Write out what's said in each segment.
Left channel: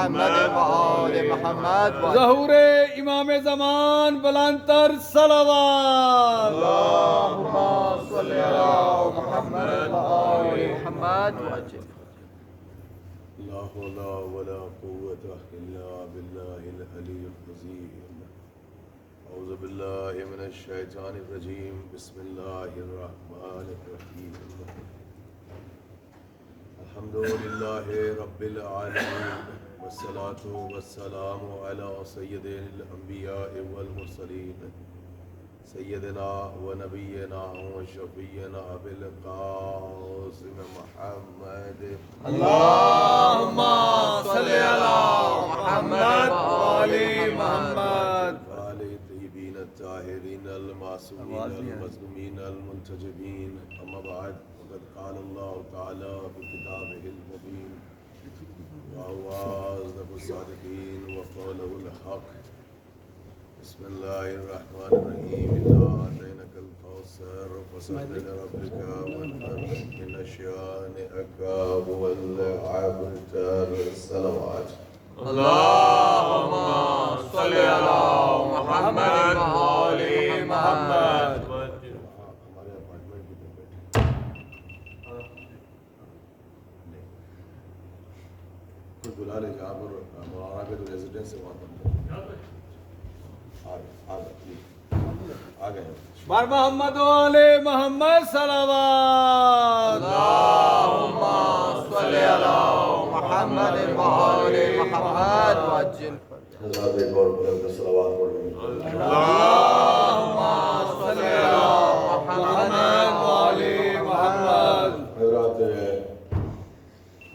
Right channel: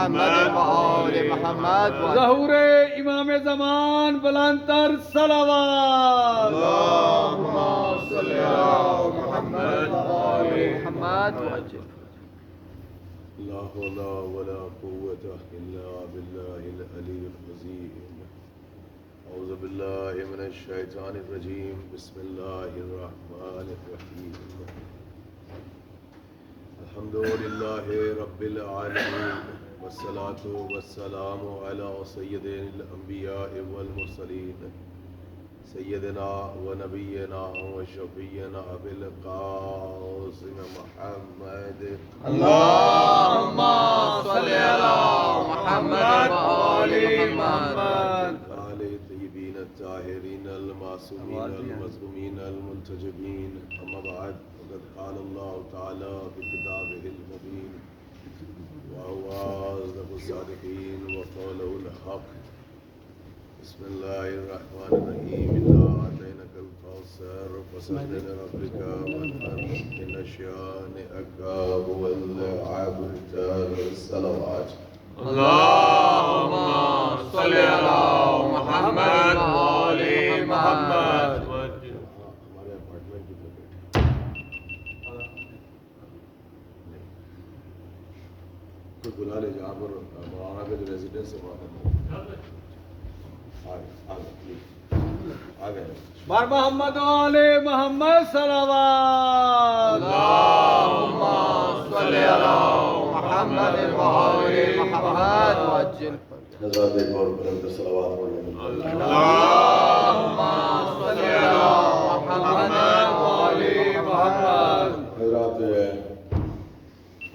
محمد وآل محمد ظہور امام زمان بلندتر صلوات اللهم صل على محمد وآل محمد وعجل. لا حول ولا قوة إلا بالله العلي العظيم. أعوذ بالله من الشيطان الرجيم. بسم الله الرحمن الرحيم. الحمد لله رب العالمين والصلاة والسلام على سيد الأنبياء والمرسلين سيدنا ونبينا وشفينا أبي القاسم محمد. اللهم صل على محمد وآل محمد آل طيبين الطاهرين المعصومين المظلومين المنتجبين. أما بعد، وقد قال الله تعالى في كتابه المبين وهو أصدق الصادقين وقوله الحق. بسم الله الرحمن الرحيم. إنا أعطيناك الكوثر فصل لربك وانحر إن شانئك هو الأبتر. الصلوات. اللهم صل على محمد وآل محمد. ہمارے اپارٹمنٹ کی طرف بیٹھے کوئی بلا لے جہاں پر مولانا کا جو ریزیڈنس ہے وہاں پر آگے بار محمد وآل محمد صلوات. اللهم صل على محمد وآل محمد وعجل. حضرات ایک اور بلند صلوات پڑھ لیں. اللهم صل على محمد وآل محمد. حضرات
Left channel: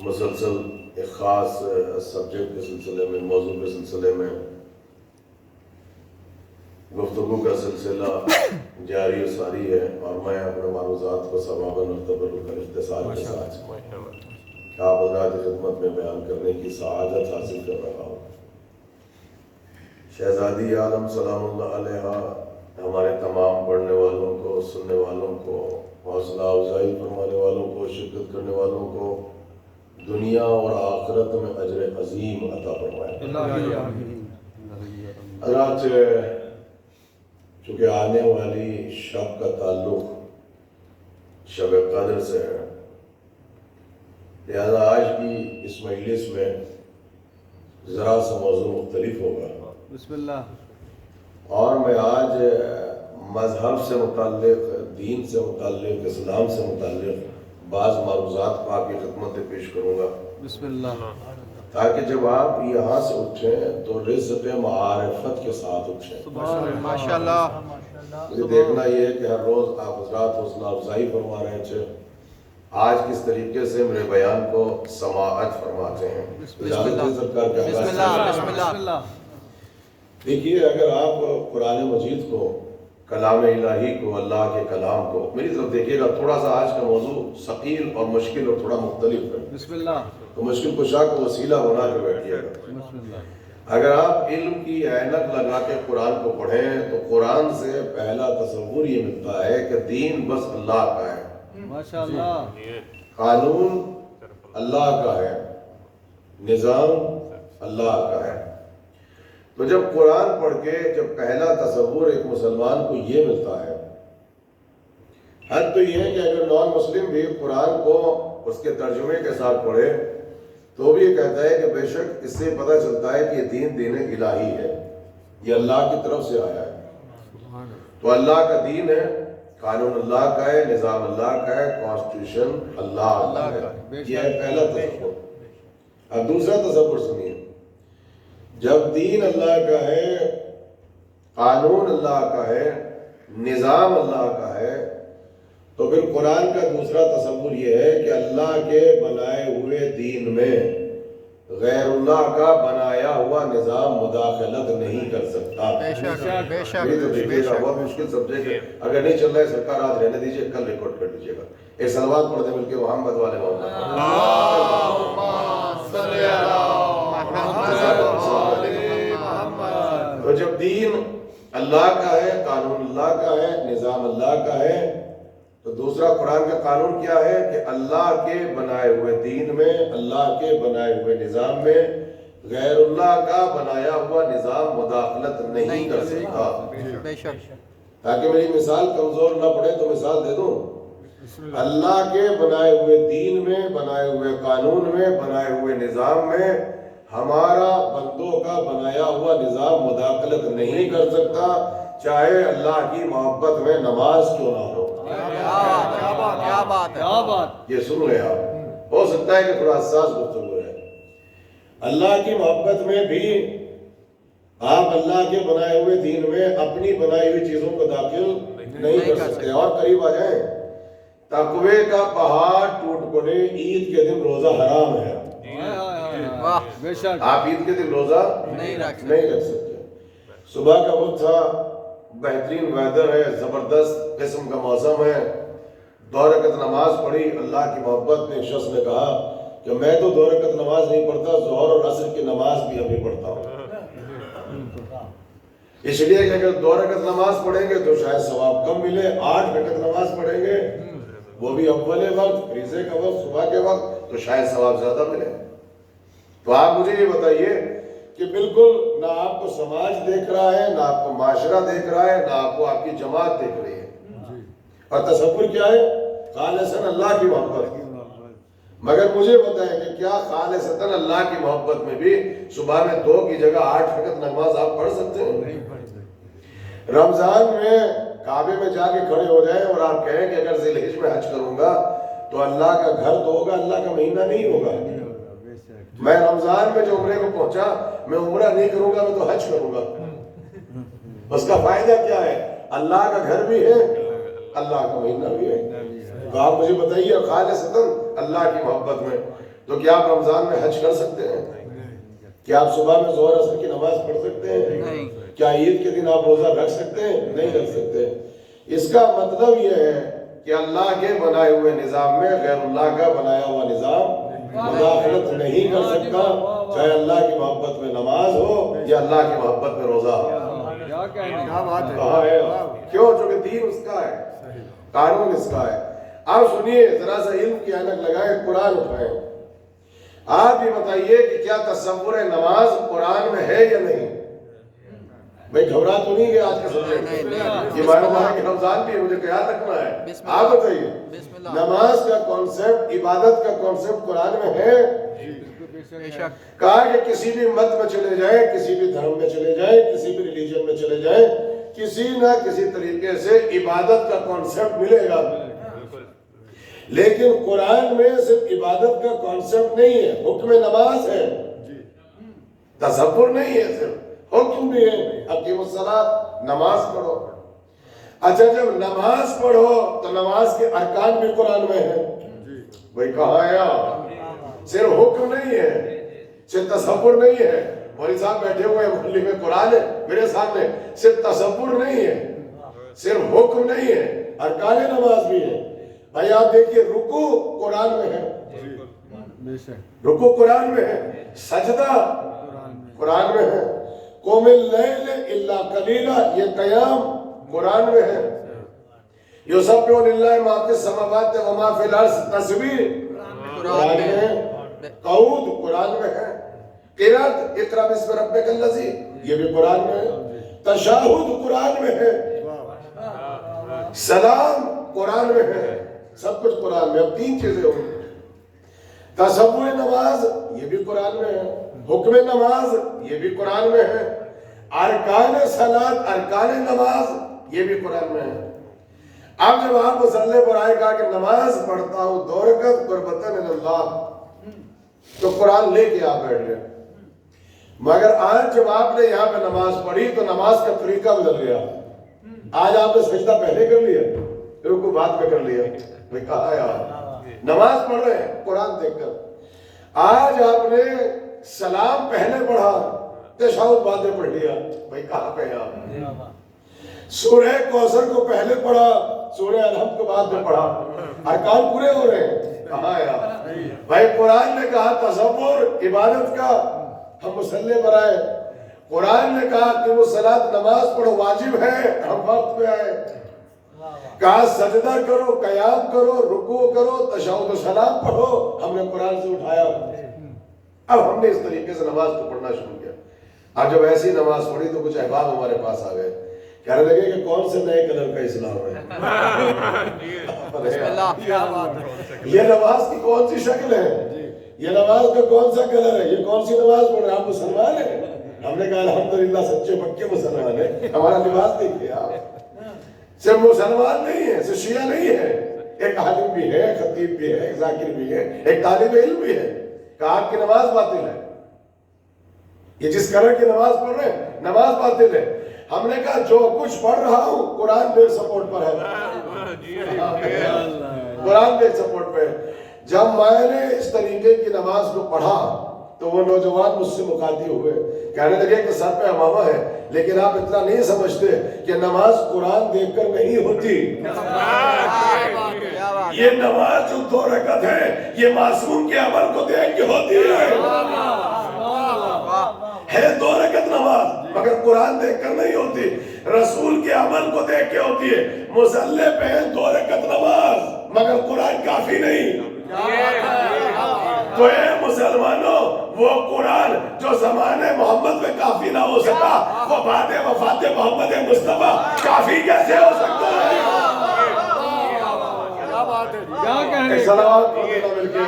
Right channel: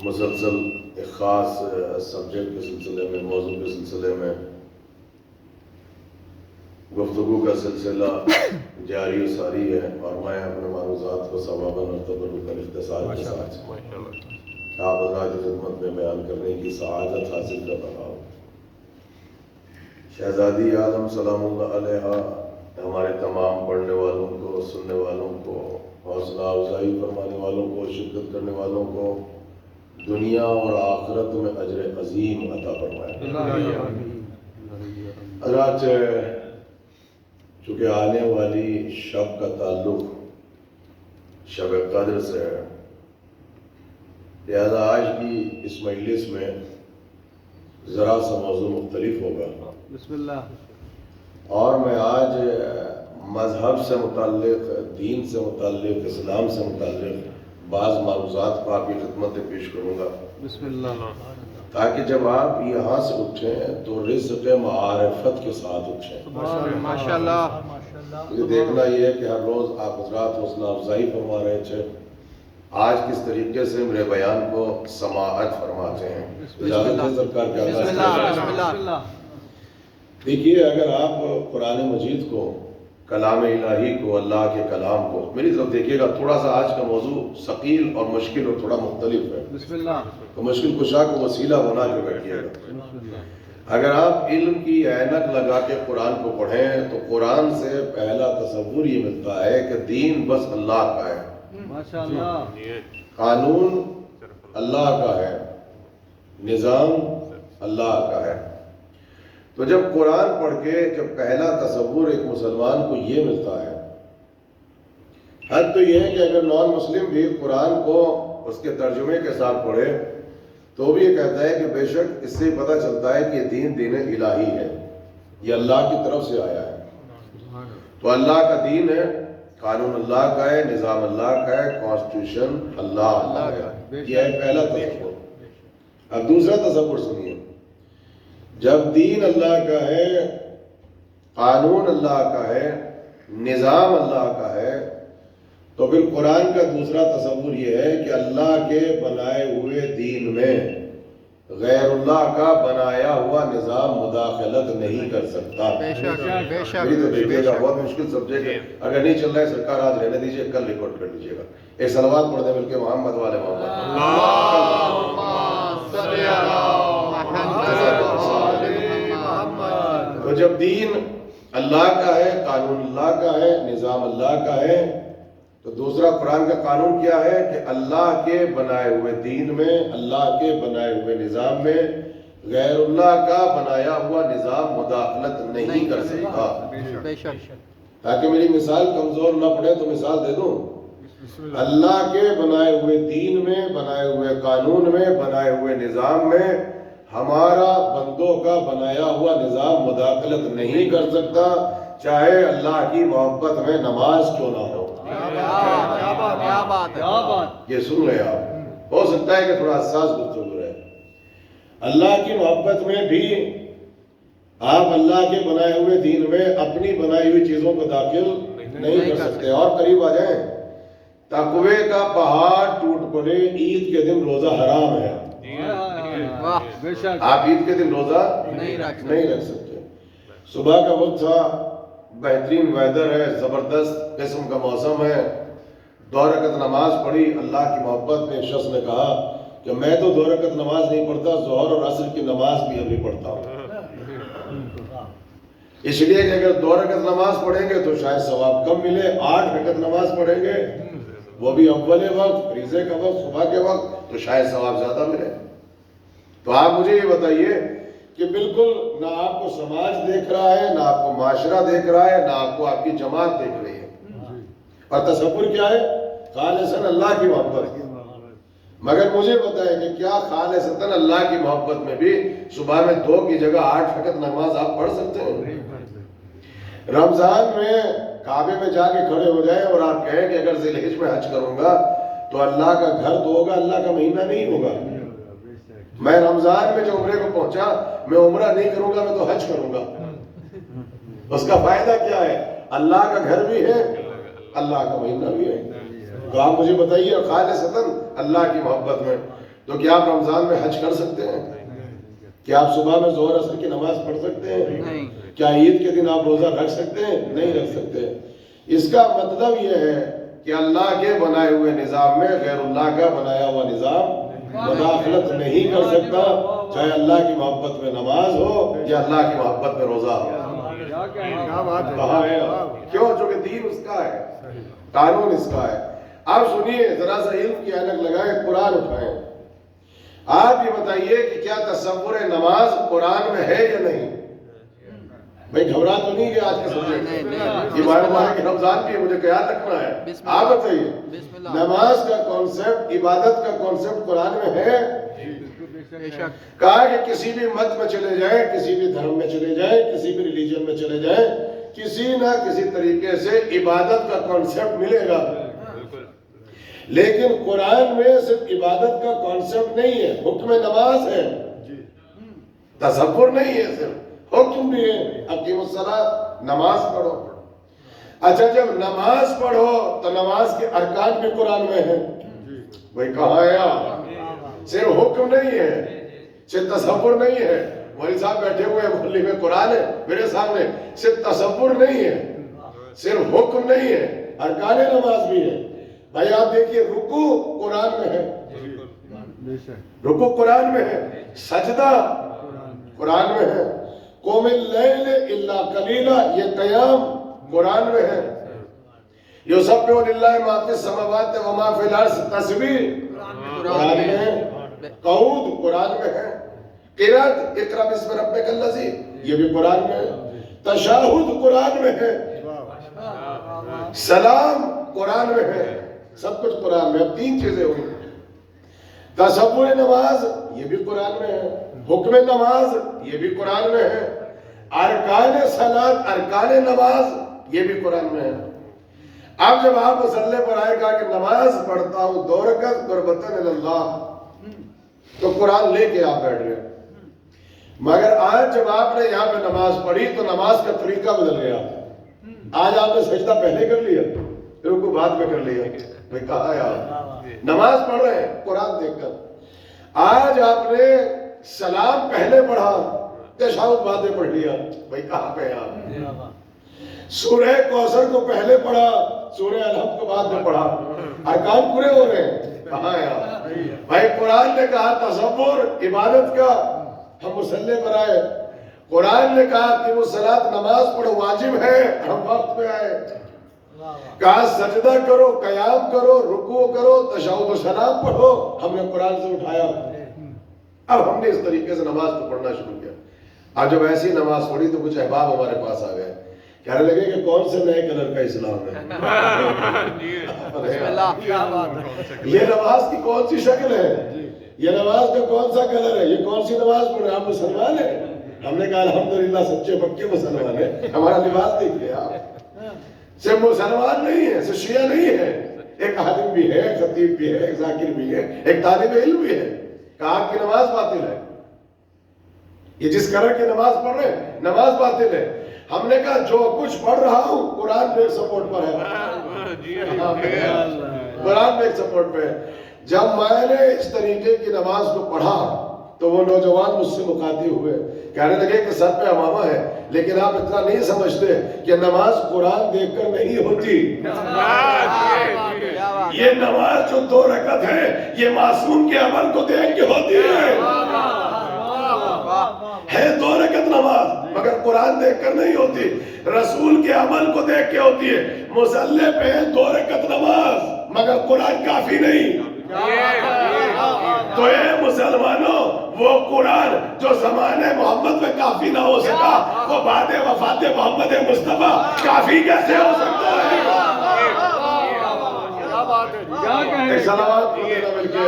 مسلسل ایک خاص سبجیکٹ کے سلسلے میں، موضوع کے سلسلے میں گفتگو کا سلسلہ جاری و ساری ہے، اور میں اپنے معروضات کو ثواباً اور تبرکاً اختصار کے ساتھ آپ حضرات کی خدمت میں بیان کرنے کی سعادت حاصل کر رہا ہوں. شہزادی عالم سلام اللہ علیہ ہمارے تمام پڑھنے والوں کو، سننے والوں کو، حوصلہ افزائی فرمانے والوں کو، شرکت کرنے والوں کو دنیا اور آخرت میں اجر عظیم عطا فرمائے. حضرات چونکہ آنے والی شب کا تعلق شب قدر سے ہے، لہذا آج کی اس مجلس میں ذرا سا موضوع مختلف ہوگا. بسم اللہ. اور میں آج مذہب سے متعلق، دین سے متعلق، اسلام سے متعلق بعض معروضات کو آپ کی خدمت پیش کروں گا، بسم اللہ. تاکہ جب آپ یہاں سے اٹھیں تو رزق معارفت کے ساتھ اٹھیں. ماشاءاللہ. مجھے دیکھنا یہ ہے کہ ہر روز آپ حضرات حوصلہ افزائی فرما رہے تھے، آج کس طریقے سے میرے بیان کو سماعت فرماتے ہیں. اجازت ہے سرکار کے بسم آغاز اللہ. کریں. بسم اللہ. دیکھیے، اگر آپ قرآن مجید کو، کلام الہی کو، اللہ کے کلام کو، میری طرف دیکھیے گا، تھوڑا سا آج کا موضوع ثقیل اور مشکل اور تھوڑا مختلف ہے، بسم اللہ. تو مشکل کشا کو وسیلہ بنا کے بیٹھیے گا. بسم اللہ. اگر آپ علم کی اینک لگا کے قرآن کو پڑھیں تو قرآن سے پہلا تصور یہ ملتا ہے کہ دین بس اللہ کا ہے، ماشاءاللہ. قانون اللہ کا ہے، نظام اللہ کا ہے. تو جب قرآن پڑھ کے جب پہلا تصور ایک مسلمان کو یہ ملتا ہے، حد تو یہ ہے کہ اگر نان مسلم بھی قرآن کو اس کے ترجمے کے ساتھ پڑھے تو بھی یہ کہتا ہے کہ بے شک اس سے پتہ چلتا ہے کہ یہ دین الہی ہے، یہ اللہ کی طرف سے آیا ہے. تو اللہ کا دین ہے، قانون اللہ کا ہے، نظام اللہ کا ہے، کانسٹیٹیوشن اللہ کا ہے. یہ ہے پہلا تصور. اب دوسرا تصور سنیے. جب دین اللہ کا ہے، قانون اللہ کا ہے، نظام اللہ کا ہے، تو پھر قرآن کا دوسرا تصور یہ ہے کہ اللہ کے بنائے ہوئے دین میں غیر اللہ کا بنایا ہوا نظام مداخلت نہیں کر سکتا. بے شک بے شک میری تو بے دیکھیے گا، شک. بہت مشکل سبجیکٹ ہے. اگر نہیں چل رہا ہے سرکار آج رہنے دیجیے، کل ریکارڈ کر لیجیے گا. ایک صلوات پڑھ دیں مل کے محمد والے محمد. اللهم صل على محمد وآل محمد. تو جب دین اللہ کا ہے، قانون اللہ کا ہے، نظام اللہ کا ہے، تو دوسرا قرآن کا قانون کیا ہے کہ اللہ کے بنائے ہوئے دین میں، اللہ کے بنائے ہوئے نظام میں غیر اللہ کا بنایا ہوا نظام مداخلت نہیں کر سکتا. بے شک. تاکہ میری مثال کمزور نہ پڑے تو مثال دے دوں. اللہ کے بنائے ہوئے دین میں، بنائے ہوئے قانون میں، بنائے ہوئے نظام میں ہمارا بندوں کا بنایا ہوا نظام مداخلت نہیں کر سکتا، چاہے اللہ کی محبت میں نماز کیوں نہ ہو. کیا بات ہے. کیا بات. یہ سن لیں آپ. ہو سکتا ہے کہ تھوڑا حساس گفتگو رہے. اللہ کی محبت میں بھی آپ اللہ کے بنائے ہوئے دین میں اپنی بنائی ہوئی چیزوں کو داخل نہیں کر سکتے. اور قریب آ جائیں. تقوی کا پہاڑ ٹوٹ پڑے، عید کے دن روزہ حرام ہے. واہ. بے شک. آپ عید کے دن روزہ نہیں رکھ سکتے. نہیں رکھ سکتے. صبح کا وقت تھا، بہترین ویدر ہے، زبردست قسم کا موسم ہے. 2 رکعت نماز پڑھی. اللہ کی محبت میں ایک شخص نے کہا کہ میں تو 2 رکعت نماز نہیں پڑھتا، ظہر اور عصر کی نماز بھی ابھی پڑھتا ہوں. اس لیے کہ اگر 2 رکعت نماز پڑھیں گے تو شاید ثواب کم ملے. 8 رکعت نماز پڑھیں گے وہ بھی اول وقت، فریضے کا وقت، صبح کے وقت، تو شاید ثواب زیادہ ملے. تو آپ مجھے یہ بتائیے کہ بالکل نہ آپ کو سماج دیکھ رہا ہے، نہ آپ کو معاشرہ دیکھ رہا ہے، نہ آپ کو آپ کی جماعت دیکھ رہی ہے. اور تصور کیا ہے؟ خالصاً اللہ کی محبت. مگر مجھے بتائیں کہ کیا خالصتاً اللہ کی محبت میں بھی صبح میں 2 کی جگہ 8 رکعت نماز آپ پڑھ سکتے ہیں؟ رمضان میں کعبے میں جا کے کھڑے ہو جائیں اور آپ کہیں کہ اگر ذی الحج میں حج کروں گا تو اللہ کا گھر تو ہوگا، اللہ کا مہینہ نہیں ہوگا. میں رمضان میں جو عمرے کو پہنچا، میں عمرہ نہیں کروں گا، میں تو حج کروں گا. اس کا فائدہ کیا ہے؟ اللہ کا گھر بھی ہے، اللہ کا مہینہ بھی ہے. تو آپ مجھے بتائیے خالصتاً اللہ کی محبت میں تو کیا آپ رمضان میں حج کر سکتے ہیں؟ کیا آپ صبح میں ظہر عصر کی نماز پڑھ سکتے ہیں؟ نہیں. کیا عید کے دن آپ روزہ رکھ سکتے ہیں؟ نہیں رکھ سکتے. اس کا مطلب یہ ہے کہ اللہ کے بنائے ہوئے نظام میں غیر اللہ کا بنایا ہوا نظام مداخلت نہیں کر سکتا، چاہے اللہ کی محبت میں نماز ہو یا اللہ کی محبت میں روزہ ہو. کیا بات ہے. کہاں ہے؟ کیوں؟ چونکہ دین اس کا ہے، قانون اس کا ہے. آپ سنیے، ذرا سا علم کی اینک لگائیں، قرآن اٹھائیں. آپ یہ بتائیے کہ کیا تصور نماز قرآن میں ہے یا نہیں؟ بھائی گھبرا تو نہیں گیا آج کے سمجھے؟ یہ بارے میں رمضان کی مجھے خیال رکھنا ہے. آپ بتائیے، نماز کا کانسیپٹ، عبادت کا کانسیپٹ قرآن میں ہے؟ بے شک. کہا کہ کسی بھی مت میں چلے جائیں، کسی بھی دھرم میں چلے جائیں، کسی بھی ریلیجن میں چلے جائیں، کسی نہ کسی طریقے سے عبادت کا کانسیپٹ ملے گا. لیکن قرآن میں صرف عبادت کا کانسیپٹ نہیں ہے، حکم نماز ہے، تصور نہیں ہے، صرف حکم بھی ہے. اقیموا الصلاۃ، نماز پڑھو. اچھا جب نماز پڑھو تو نماز کے ارکان بھی قرآن میں ہیں. بھائی کہاں ہے آپ؟ صرف حکم نہیں ہے، صرف تصور نہیں ہے. مولوی صاحب بیٹھے ہوئے ہیں محلے میں، قرآن ہے میرے سامنے. صرف تصور نہیں ہے، صرف حکم نہیں ہے، ارکان نماز بھی ہے. بھائی آپ دیکھیے، رکوع قرآن میں ہے، رکوع قرآن میں ہے، سجدہ قرآن میں ہے، قم اللیل الا قلیلا، یہ قیام قرآن میں ہے. یسبح للہ ما فی السماوات و ما فی الارض، تسبیح قرآن میں ہے، قعود قرآن میں ہے، قرات اقرا بسم ربک الذی، یہ بھی قرآن میں ہے، تشہد قرآن میں ہے، سلام قرآن میں ہے. سب کچھ قرآن میں. اب 3 چیزیں ہوں. تصور نماز یہ بھی قرآن میں ہے، حکم نماز یہ بھی قرآن میں ہے، ارکان صلاۃ، ارکان نماز یہ بھی قرآن میں ہے. اب جب آپ مصلی پر آئے کہا کہ نماز پڑھتا ہوں 2 رکعت قربتاً اللہ، تو قرآن لے کے آپ بیٹھ گئے. مگر آج جب آپ نے یہاں پہ نماز پڑھی تو نماز کا طریقہ بدل گیا. آج آپ نے سجدہ پہلے کر لیا، رکوع بعد میں کر لیا. کہا ہے آپ نماز پڑھ رہے ہیں قرآن دیکھ کر. آج آپ نے سلام پہلے پڑھا، تشہد بعد میں پڑھ لیا. بھائی کہاں پہ آپ؟ سورہ کوثر کو پہلے پڑھا، سورہ الحمد کو بعد میں پڑھا. ارکان پورے ہو رہے ہیں. کہاں ہے آپ؟ بھائی قرآن نے کہا تصور عبادت کا، ہم مصلی پر آئے. قرآن نے کہا کہ وہ صلاۃ نماز پڑھو واجب ہے، ہم وقت پہ آئے. کہا سجدہ کرو، قیام کرو، رکوع کرو، تشہد و سلام پڑھو، ہم نے قرآن سے اٹھایا. اب ہم نے اس طریقے سے نماز کو پڑھنا شروع کیا. اب جب ایسی نماز پڑھی تو کچھ احباب ہمارے پاس آ گئے, کہنے لگے کہ کون سے نئے کلر کا اسلام ہے. بسم اللہ, کیا بات ہے. یہ نماز کی کون سی شکل ہے, یہ نماز کا کون سا کلر ہے, یہ کون سی نماز پڑھ رہے ہیں, آپ مسلمان ہیں. ہم نے کہا الحمدللہ سچے پکے مسلمان ہیں, ہمارا لباس دیکھیے آپ, صرف مسلمان نہیں ہے, صرف شیعہ نہیں ہے, ایک عالم بھی ہے, خطیب بھی ہے, ایک ذاکر بھی ہے, ایک طالب علم بھی ہے. کہا آپ کی نماز باطل ہے, یہ جس کلر کی نماز پڑھ رہے ہیں نماز باطل ہے. ہم نے کہا جو کچھ پڑھ رہا ہوں قرآن پہ سپورٹ پر ہے, قرآن پہ سپورٹ پہ ہے. جب میں نے اس طریقے کی نماز کو پڑھا تو وہ نوجوان مجھ سے مخاطب ہوئے, کہنے لگے کہ سر پہ امامہ ہے, لیکن آپ اتنا نہیں سمجھتے کہ نماز قرآن دیکھ کر نہیں ہوتی. یہ نماز جو 2 رکعت ہے یہ معصوم کے عمل کو دیکھ کے ہوتی ہے. 2 رکعت نماز مگر قرآن دیکھ کر نہیں ہوتی, رسول کے عمل کو دیکھ کے ہوتی ہے. مصلی پہ 2 رکعت نماز مگر قرآن کافی نہیں. تو اے مسلمانوں, وہ قرآن جو زمانے محمد میں کافی نہ ہو سکا, وہ بعد وفات محمد مصطفیٰ کافی کیسے ہو سکتا ہے؟ کیا بات ہے. کیا کہیں. سلام دینا مل کے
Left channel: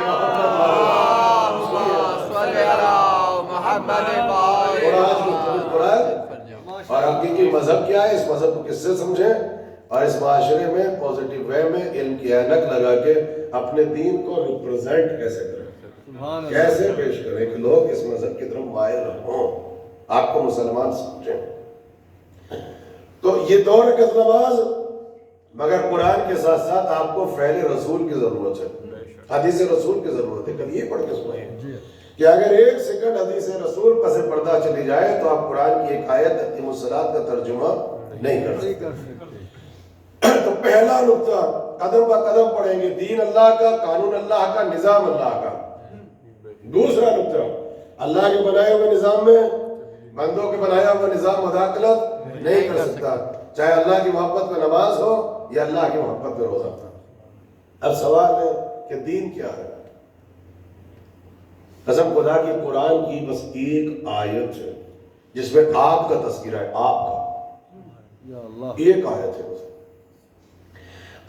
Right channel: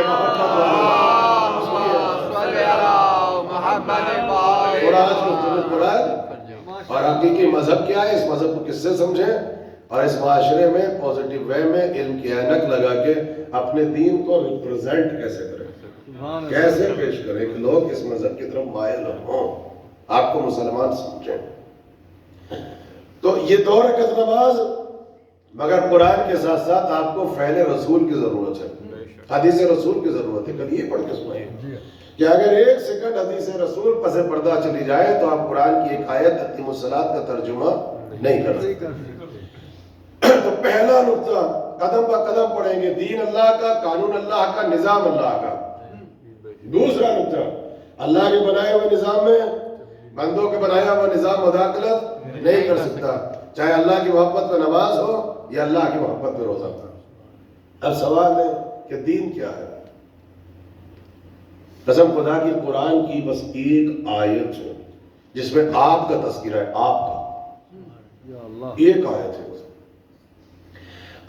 اور حقیقی مذہب کیا ہے, اس مذہب کو کس سے سمجھیں, اور اس معاشرے میں پوزیٹیو وے میں علم کی اینک لگا کے اپنے دین کو ریپرزینٹ کیسے کریں, کیسے پیش کریں کہ لوگ اس مذہب کی طرف مائل ہوں, آپ کو مسلمان سمجھیں. تو یہ 2 رکعت نماز مگر قرآن کے ساتھ ساتھ آپ کو فعل رسول کی ضرورت ہے, حدیث رسول کی ضرورت ہے. کل یہ پڑھ کے سنائیں کہ اگر 1 سیکنڈ حدیث رسول پس پردہ چلی جائے تو آپ قرآن کی ایک آیت اقیموا الصلاۃ کا ترجمہ نہیں کر سکتے. تو پہلا نقطہ قدم با قدم پڑھیں گے, دین اللہ کا, قانون اللہ کا, نظام اللہ کا. دوسرا نقطہ, اللہ کے بنائے ہوئے نظام میں بندوں کے بنایا ہوا نظام مداخلت نہیں کر سکتا, چاہے اللہ کی محبت میں نماز ہو یا اللہ کی محبت میں روزہ. اب سوال ہے کہ دین کیا ہے. قسم خدا کی قرآن کی بس ایک آیت ہے جس میں آپ کا تذکرہ ہے, آپ کا ایک آیت ہے.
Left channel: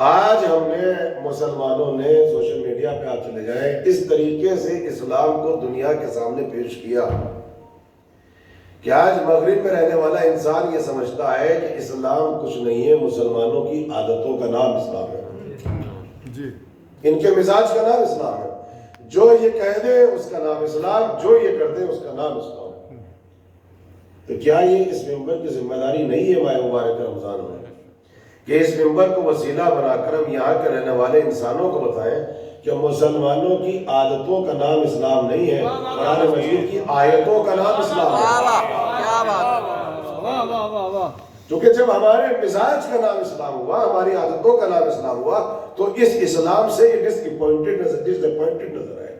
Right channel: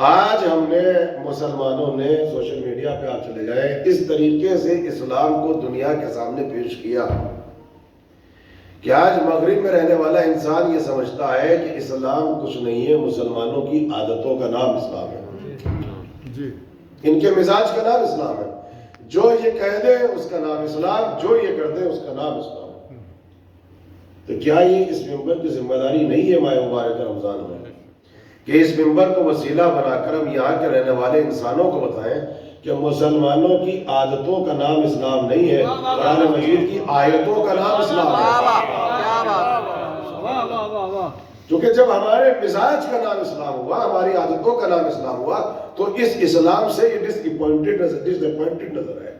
آج ہم نے مسلمانوں نے سوشل میڈیا پہ آپ چلے جائیں, اس طریقے سے اسلام کو دنیا کے سامنے پیش کیا کہ آج مغرب میں رہنے والا انسان یہ سمجھتا ہے کہ اسلام کچھ نہیں ہے, مسلمانوں کی عادتوں کا نام اسلام ہے, ان کے مزاج کا نام اسلام ہے. جو یہ کہہ دے اس کا نام اسلام, جو یہ کر دے اس کا نام اسلام. تو کیا یہ اس ممبر کی ذمہ داری نہیں ہے ماہ مبارک رمضان میں کہ اس ممبر کو وسیلہ بنا کر ہم یہاں کے رہنے والے انسانوں کو بتائیں کہ مسلمانوں کی عادتوں کا نام اسلام نہیں ہے, قرآن مجید کی آیتوں کا نام اسلام ہے. کیونکہ جب ہمارے مزاج کا نام اسلام ہوا, ہماری عادتوں کا نام اسلام ہوا, تو اس اسلام سے ڈس اپوائنٹڈ نظر ہے.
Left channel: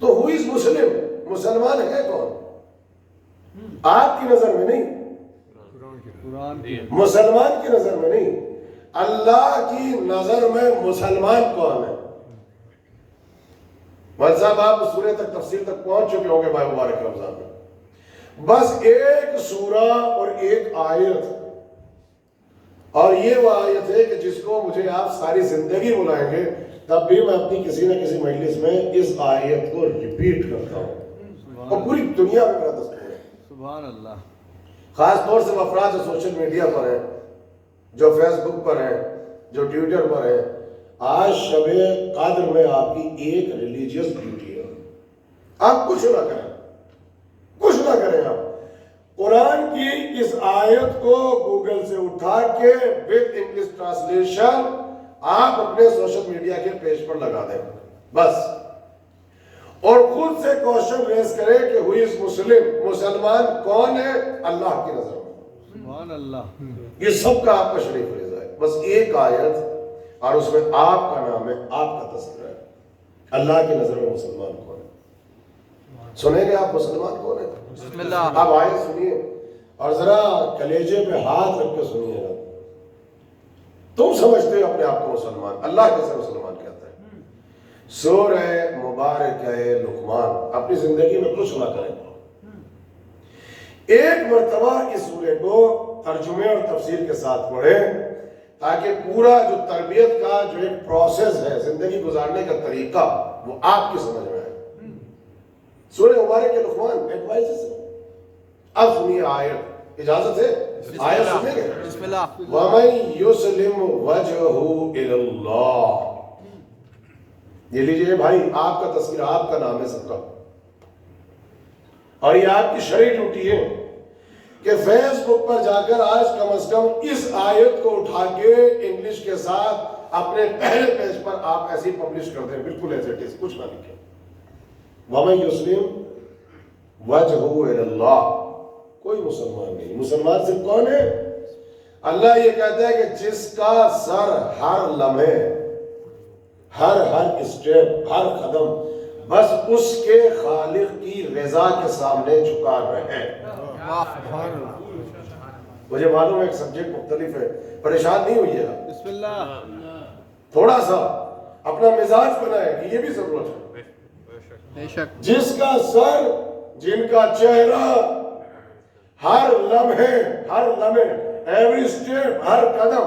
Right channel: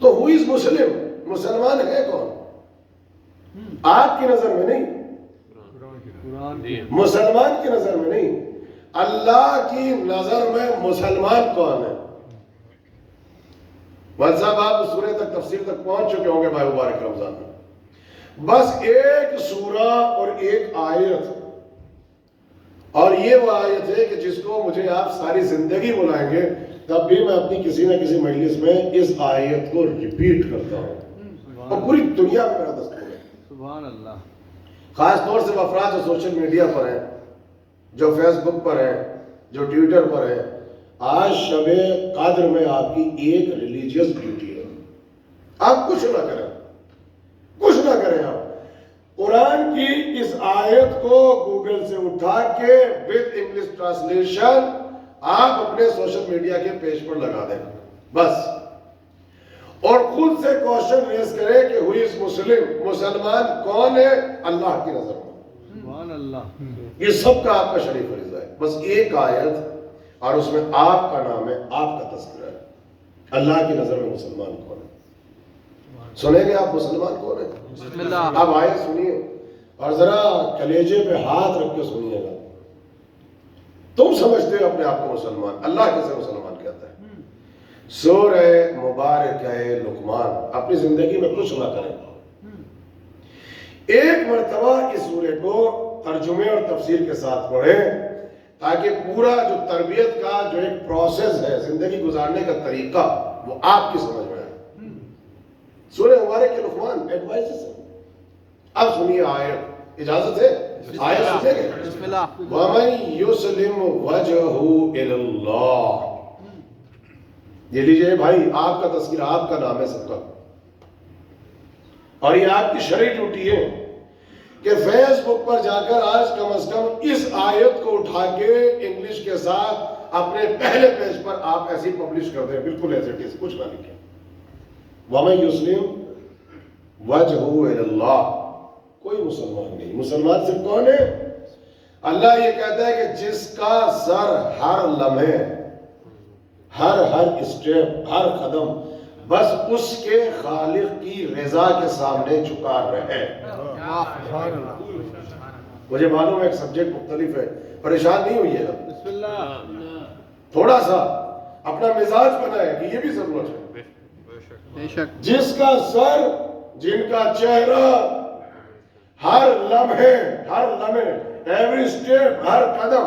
تو who is مسلم, مسلمان ہے کون, آپ کی نظر میں نہیں, مسلمان کی نظر میں نہیں, اللہ کی نظر میں مسلمان کون ہے. مولوی صاحب آپ سورہ تک تفسیر تک پہنچ چکے ہوں گے ماہ مبارک رمضان میں. بس ایک سورہ اور ایک آیت, اور یہ وہ آیت ہے کہ جس کو مجھے آپ ساری زندگی بلائیں گے تب بھی میں اپنی کسی نہ کسی مجلس میں اس آیت کو ریپیٹ کرتا ہوں, اور پوری دنیا میں میرا دستور ہے. سبحان اللہ. خاص طور سے افراد جو سوشل میڈیا پر ہیں, جو فیس بک پر ہیں, جو ٹویٹر پر ہیں, آج شب قدر میں آپ کی ایک ریلیجیس ڈیوٹی ہے. آپ کچھ نہ کریں, کچھ نہ کریں, آپ قرآن کی اس آیت کو گوگل سے اٹھا کے وتھ انگلش ٹرانسلیشن آپ اپنے سوشل میڈیا کے پیج پر لگا دیں بس, اور خود سے کوشچن ریز کرے کہ ہوئی اس مسلم, مسلمان کون ہے اللہ کی نظر میں. سبحان اللہ. یہ سب کا آپ کا شریف فریضہ ہے. بس ایک آیت اور اس میں آپ کا نام ہے, آپ کا تذکرہ ہے. اللہ کی نظر میں مسلمان کون ہے, سنیں گے آپ مسلمان کون ہے. بسم اللہ. آپ آیت سنیے اور ذرا کلیجے پہ ہاتھ رکھ کے سنیے گا. تم سمجھتے ہو اپنے آپ کو مسلمان, اللہ کیسے مسلمان کہتا ہے. سورہ مبارک ہے لقمان, اپنی زندگی میں کچھ نہ کریں. ایک مرتبہ اس سورے کو ترجمے اور تفسیر کے ساتھ پڑھیں تاکہ پورا جو تربیت کا جو ایک پروسیس ہے، زندگی گزارنے کا طریقہ، وہ آپ کی سمجھ میں آئے. سورہ مبارک کے لقمان ایڈوائزز ہے. اب سنیے آیت، اجازت ہے آیت سنیں گے؟ بسم اللہ. وَمَن يُسْلِمْ وَجْهُ إِلَى اللَّهِ. یہ لیجئے بھائی، آپ کا تذکرہ، آپ کا نام ہے سب کا، اور یہ آپ کی شرعی ڈیوٹی ہے کہ فیس بک پر جا کر آج کم از کم اس آیت کو اٹھا کے انگلش کے ساتھ اپنے پہلے پیج پر آپ ایسی پبلش کر دیں، بالکل ایز اٹ از، کچھ نہ لکھیں. وَمَن يُسْلِمْ وَجْهُ إِلَى اللَّهِ. کوئی مسلمان نہیں. مسلمان صرف کون ہے؟ اللہ یہ کہتا ہے کہ جس کا سر ہر لمحے، ہر اسٹیپ، ہر قدم بس اس کے خالق کی رضا کے سامنے جھکا رہے. مجھے معلوم ہے ایک سبجیکٹ مختلف ہے، پریشان نہیں ہوئیے گا. بسم اللہ. تھوڑا سا اپنا مزاج بنائے کہ یہ بھی ضرورت ہے. بے شک. جس کا سر، جن کا چہرہ ہر لمحے، ایوری اسٹیپ، ہر قدم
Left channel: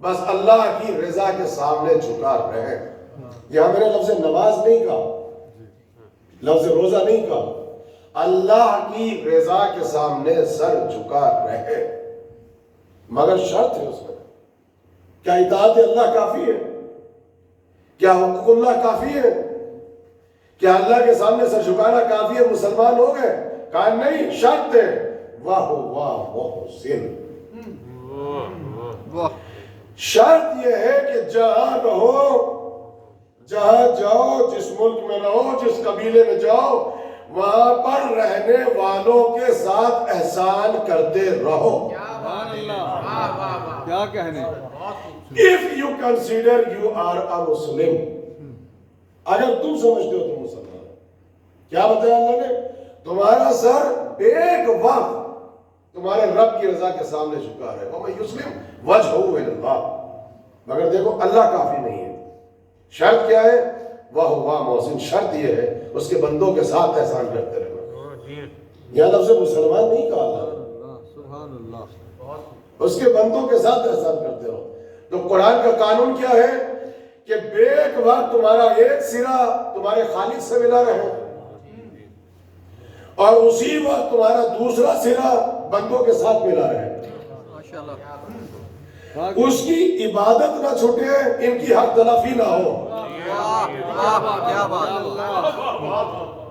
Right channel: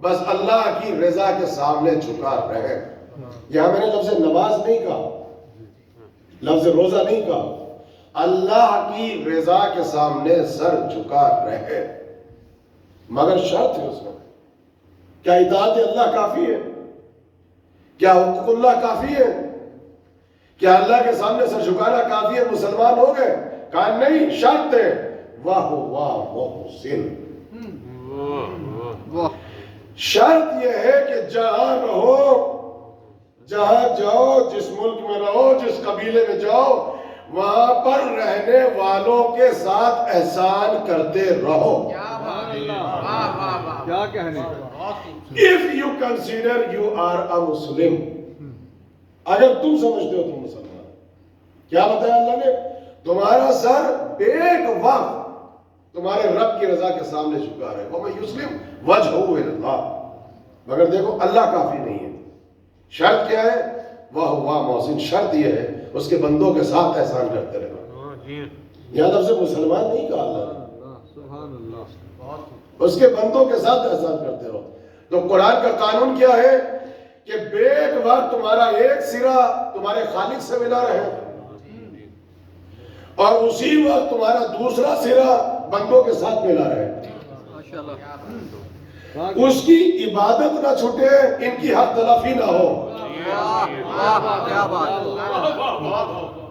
بس اللہ کی رضا کے سامنے جھکا رہے. یہاں میں نے لفظ نماز نہیں کہا، لفظ روزہ نہیں کہا، اللہ کی رضا کے سامنے سر جھکا رہے. مگر شرط ہے اس میں. کیا اطاعت اللہ کافی ہے؟ کیا حقوق اللہ کافی ہے؟ کیا اللہ کے سامنے سر جھکانا کافی ہے؟ مسلمان ہو گئے؟ کہا نہیں، شرط ہے واہ محسن. شرط یہ ہے کہ جہاں رہو، جہاں جاؤ، جس ملک میں رہو، جس قبیلے میں جاؤ، وہاں پر رہنے والوں کے ساتھ احسان کرتے رہو. کیا کہنے. If you consider you are a Muslim. اگر تم سمجھتے ہو تم مسلمان. کیا بتایا اللہ نے؟ تمہارا سر بیک وقت تمہارے رب کی رضا کے سامنے جھکا رہے. وَمَن يُسْلِمْ وَجْهُ إِلَى اللَّهِ. مگر دیکھو اللہ کافی نہیں ہے. شرط کیا ہے؟ وَهُوَ مُحْسِنٌ. شرط یہ ہے اس کے بندوں کے ساتھ احسان کرتے رہو. یہاں لفظ مسلمان نہیں کہا اللہ نے، سبحان اللہ. اس کے بندوں کے ساتھ احسان کرتے رہو. تو قرآن کا قانون کیا ہے کہ بیک وقت تمہارا ایک سرا تمہارے خالق سے ملا رہے، اور اسی وقت تمہارا دوسرا سرا بندوں کے ساتھ ملا رہے. ماشاءاللہ. اس کی عبادت نہ چھوٹے، ان کی حق تلافی نہ ہو. کیا بات.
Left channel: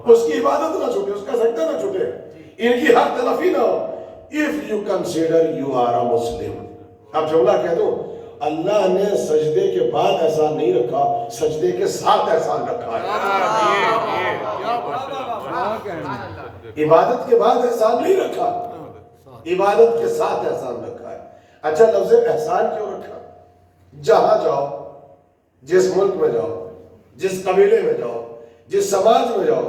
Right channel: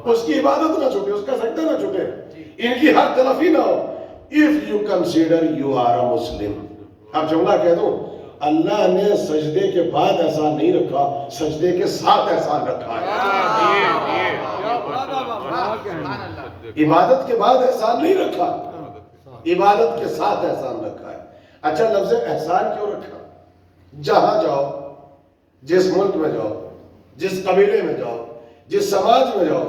اس کی عبادت نہ چھوٹے، اس کا سجدہ نہ چھوٹے، ان کی حق تلافی نہ ہو. If you consider you are a Muslim. اب جملہ کہہ دو، اللہ نے سجدے کے بعد احسان نہیں رکھا، سجدے کے ساتھ احسان رکھا ہے. عبادت کے بعد احسان نہیں رکھا، عبادت کے ساتھ احسان رکھا ہے. اچھا لفظ احسان کیوں رکھا؟ جہاں جاؤ، جس ملک میں جاؤ، جس قبیلے میں جاؤ، جس سماج میں جاؤ،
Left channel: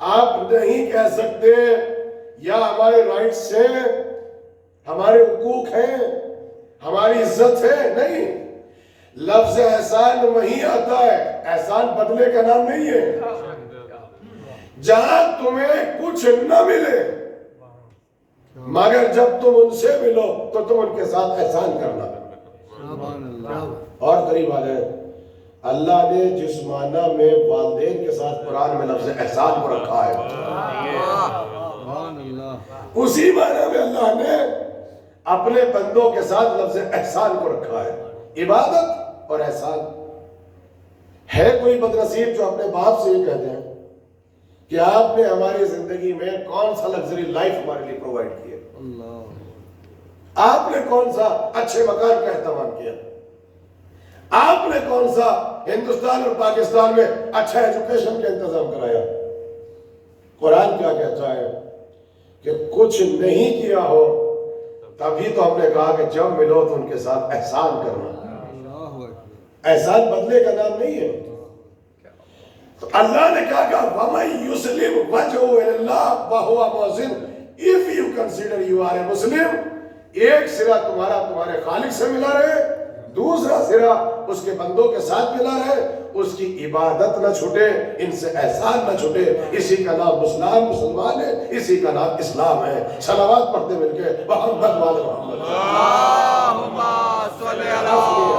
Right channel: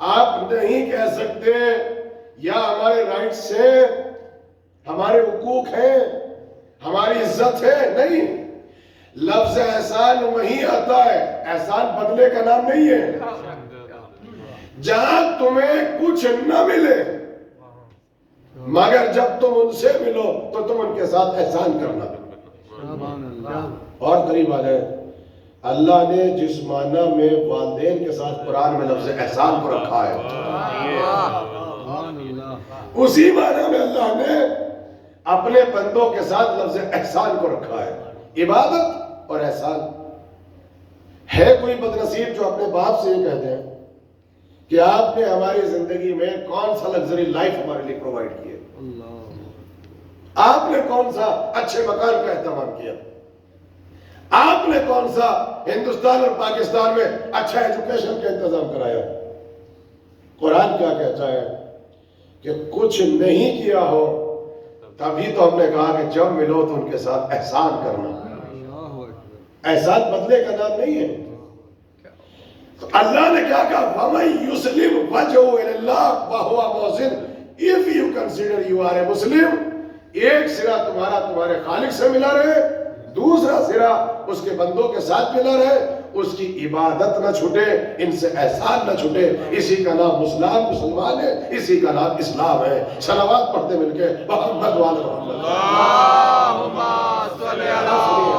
آپ نہیں کہہ سکتے یا ہمارے رائٹ سے، ہمارے حقوق ہیں، ہماری عزت ہے. نہیں، لفظ احسان وہیں آتا ہے. احسان بدلے کا نام نہیں ہے. جہاں تمہیں کچھ نہ ملے مگر جب تم ان سے ملو تو تم ان کے ساتھ احسان کرنا. سبحان اللہ. اور قریب آ جائے، اللہ نے جس معنی میں والدین کے ساتھ قرآن میں لفظ احسان کو رکھا ہے، سبحان اللہ. اسی معنی میں اللہ نے اپنے بندوں کے ساتھ لفظ احسان کو رکھا ہے. عبادت اور احسان. ہے کوئی بدنصیب جو اپنے باپ سے یہ کہتے ہیں کہ آپ نے ہماری زندگی میں کون سا لگژری لائف ہمارے لیے پرووائڈ کیا، آپ نے کون سا اچھے مکان کا اہتمام کیا، آپ نے کون سا ہندوستان اور پاکستان میں اچھا ایجوکیشن کا انتظام کرایا. قرآن کیا کہتا ہے کہ کچھ نہیں کیا ہو تبھی تو ہم نے کہا کہ جب ملو تو ان کے ساتھ احسان کرنا. احسان بدلے کا نام نہیں ہے. تو اللہ نے کیا کہا وَمَن يُسْلِمْ وَجْهُهُ إِلَى اللَّهِ وَهُوَ مُحْسِنٌ. If you consider you are a Muslim, ایک سرا تمہارا تمہارے خالق سے ملا رہے، دوسرا سرا اس کے بندوں کے ساتھ ملا رہے. اس کی عبادت نہ چھوٹے، ان سے احسان نہ چھوٹے. اسی کا نام مسلمان ہے، اسی کا نام اسلام ہے. صلوات پڑھتے مل کے محمد وآل محمد. اللہم صلی علی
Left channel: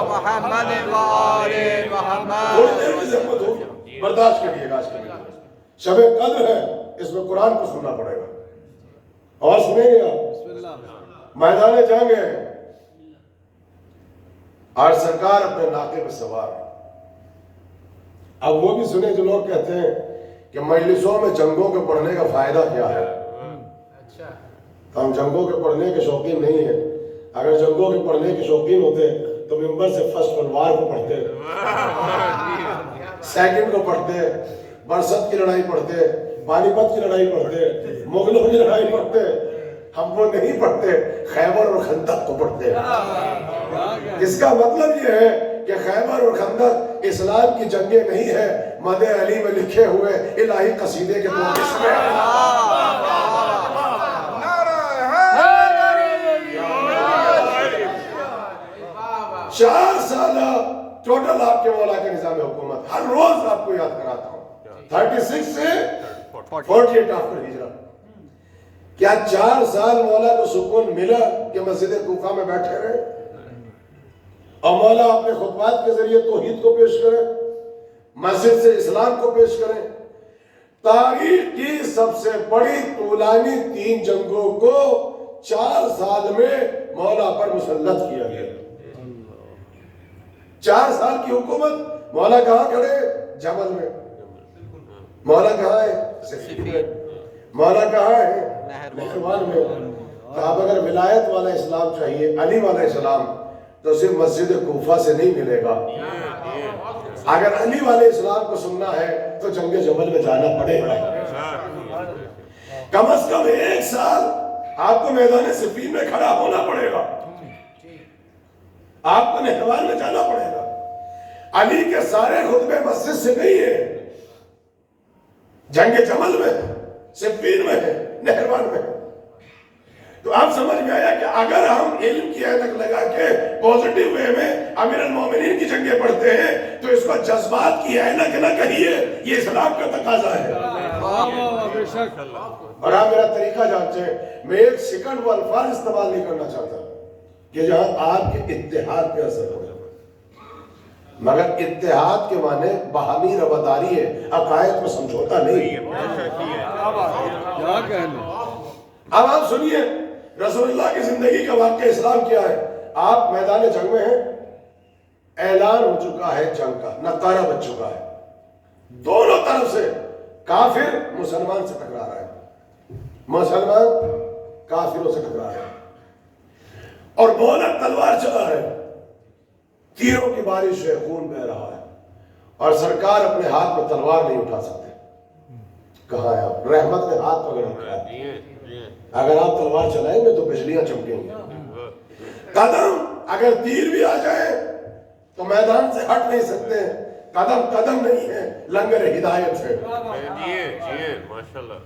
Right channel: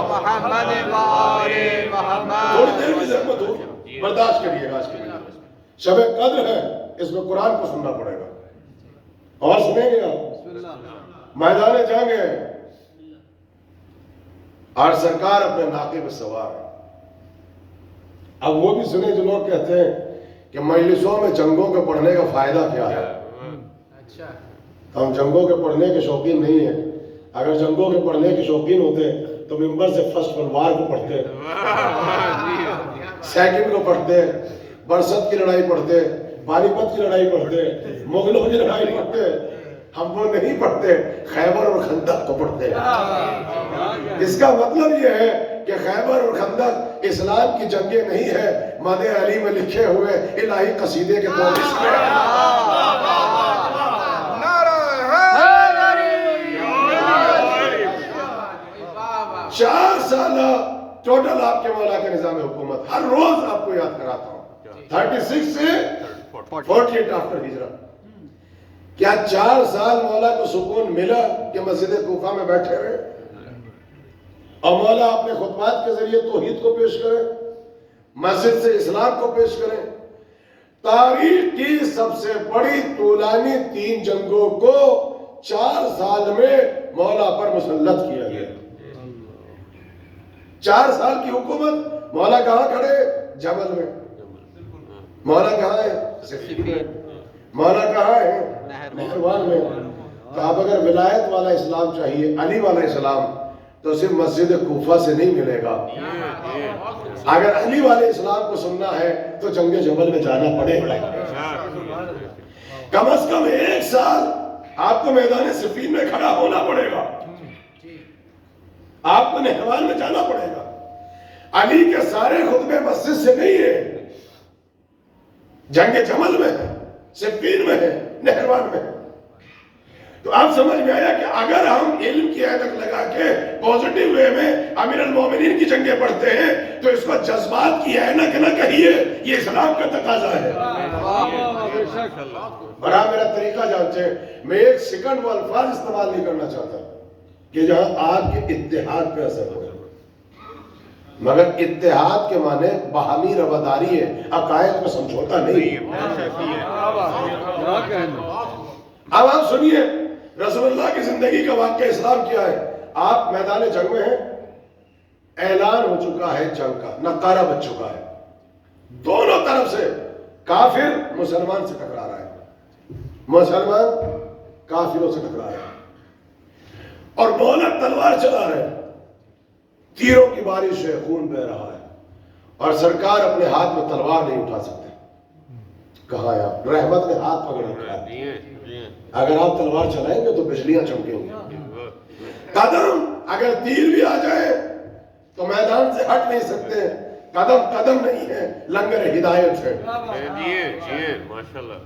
محمد وآل محمد. تھوڑی دیر کی زحمت ہو، برداشت کریے گا. آج کے لیے شب قدر ہے، اس میں قرآن کو سننا پڑے گا. اور سنیں گے آپ، میدان جنگ ہے اور سرکار اپنے ناقے پہ سوار ہے. اب وہ بھی سنے جو لوگ کہتے ہیں کہ مجلسوں میں جنگوں کے پڑھنے کا فائدہ کیا ہے. ہم جنگوں کے پڑھنے کے شوقین نہیں ہیں. اگر جنگوں کے پڑھنے کے شوقین ہوتے تو ممبر سے فرسٹ ورلڈ وار کو پڑھتے، سیکنڈ کو پڑھتے، برست کی لڑائی پڑھتے، پانی پت کی لڑائی پڑھتے، مغلوں کی لڑائی پڑھتے. ہم وہ نہیں پڑھتے، خیبر اور خندق کو پڑھتے. اس کا مطلب یہ ہے کہ خیبر اور خندق اسلام کی جنگیں نہیں ہے، مدح علی میں لکھے ہوئے الہی قصیدے کے دو حصے ہیں. چار سالہ ٹوٹل آپ کے مولا کے نظام حکومت، ہر روز آپ کو یاد کراتا ہوں. 36 سے 48 آفٹر ہجرت. کیا 4 سال مولا کو سکون ملا کہ مسجد کوفہ میں بیٹھے رہے اور مولا اپنے خطبات کے ذریعے توحید کو پیش کریں، مسجد سے اسلام کو پیش کریں؟ تاریخ کی سب سے بڑی طولانی 3 جنگوں کو 4 سال میں مولا پر مسلط کیا گیا. 4 سال کی حکومت. مولا کہاں کھڑے؟ جبل میں. مولا کہاں ہے؟ صفین. مولا کہاں ہے؟ نہروان میں. تو اب اگر ولایت والا اسلام چاہیے، علی والا اسلام، تو صرف مسجد کوفہ سے نہیں ملے گا. اگر علی والے اسلام کو سننا ہے تو جنگ جبل میں جانا پڑے گا. کم از کم 1 سال آپ کو میدان صفین میں کھڑا ہونا پڑے گا. آپ کو نہروان میں جانا پڑے گا. علی کے سارے خطبے مسجد سے نہیں ہیں، جنگ جمل میں ہے، صفین میں ہے، نہروان میں ہے. تو آپ سمجھ میں آیا کہ اگر ہم علم کی اینک لگا کے پوزیٹیو وے میں امیر المومنین کی جنگیں پڑھتے ہیں تو اس کو جذبات کی اینک نہ کہیے، یہ اسلام کا تقاضا ہے. اور آپ میرا طریقہ جانتے ہیں، میں 1 سیکنڈ وہ الفاظ استعمال نہیں کرنا چاہتا کہ جہاں آپ کے اتحاد پہ اثر ہو، مگر اتحاد کے معنی باہمی رواداری ہے، عقائد میں سمجھوتا نہیں. اب آپ سنیے رسول اللہ کی زندگی کا واقعہ اسلام کیا ہے. آپ میدان جنگ میں ہیں، اعلان ہو چکا ہے جنگ کا، نقارہ بچ چکا ہے. دونوں طرف سے کافر مسلمان سے ٹکرا رہا ہے، مسلمان کافروں سے ٹکرا رہا ہے، اور مولا تلوار چلا رہے ہیں. تیروں کی بارش ہے، خون بہ رہا ہے، اور سرکار اپنے ہاتھ میں تلوار نہیں اٹھا سکتے. کہاں ہے آپ؟ رحمت نے ہاتھ پکڑ رکھا ہے. اگر آپ تلوار چلائیں گے تو بجلیاں چمکیں گی. قدم اگر تیر بھی آ جائے تو میدان سے ہٹ نہیں سکتے. قدم قدم نہیں ہے، لنگر ہدایت ہے.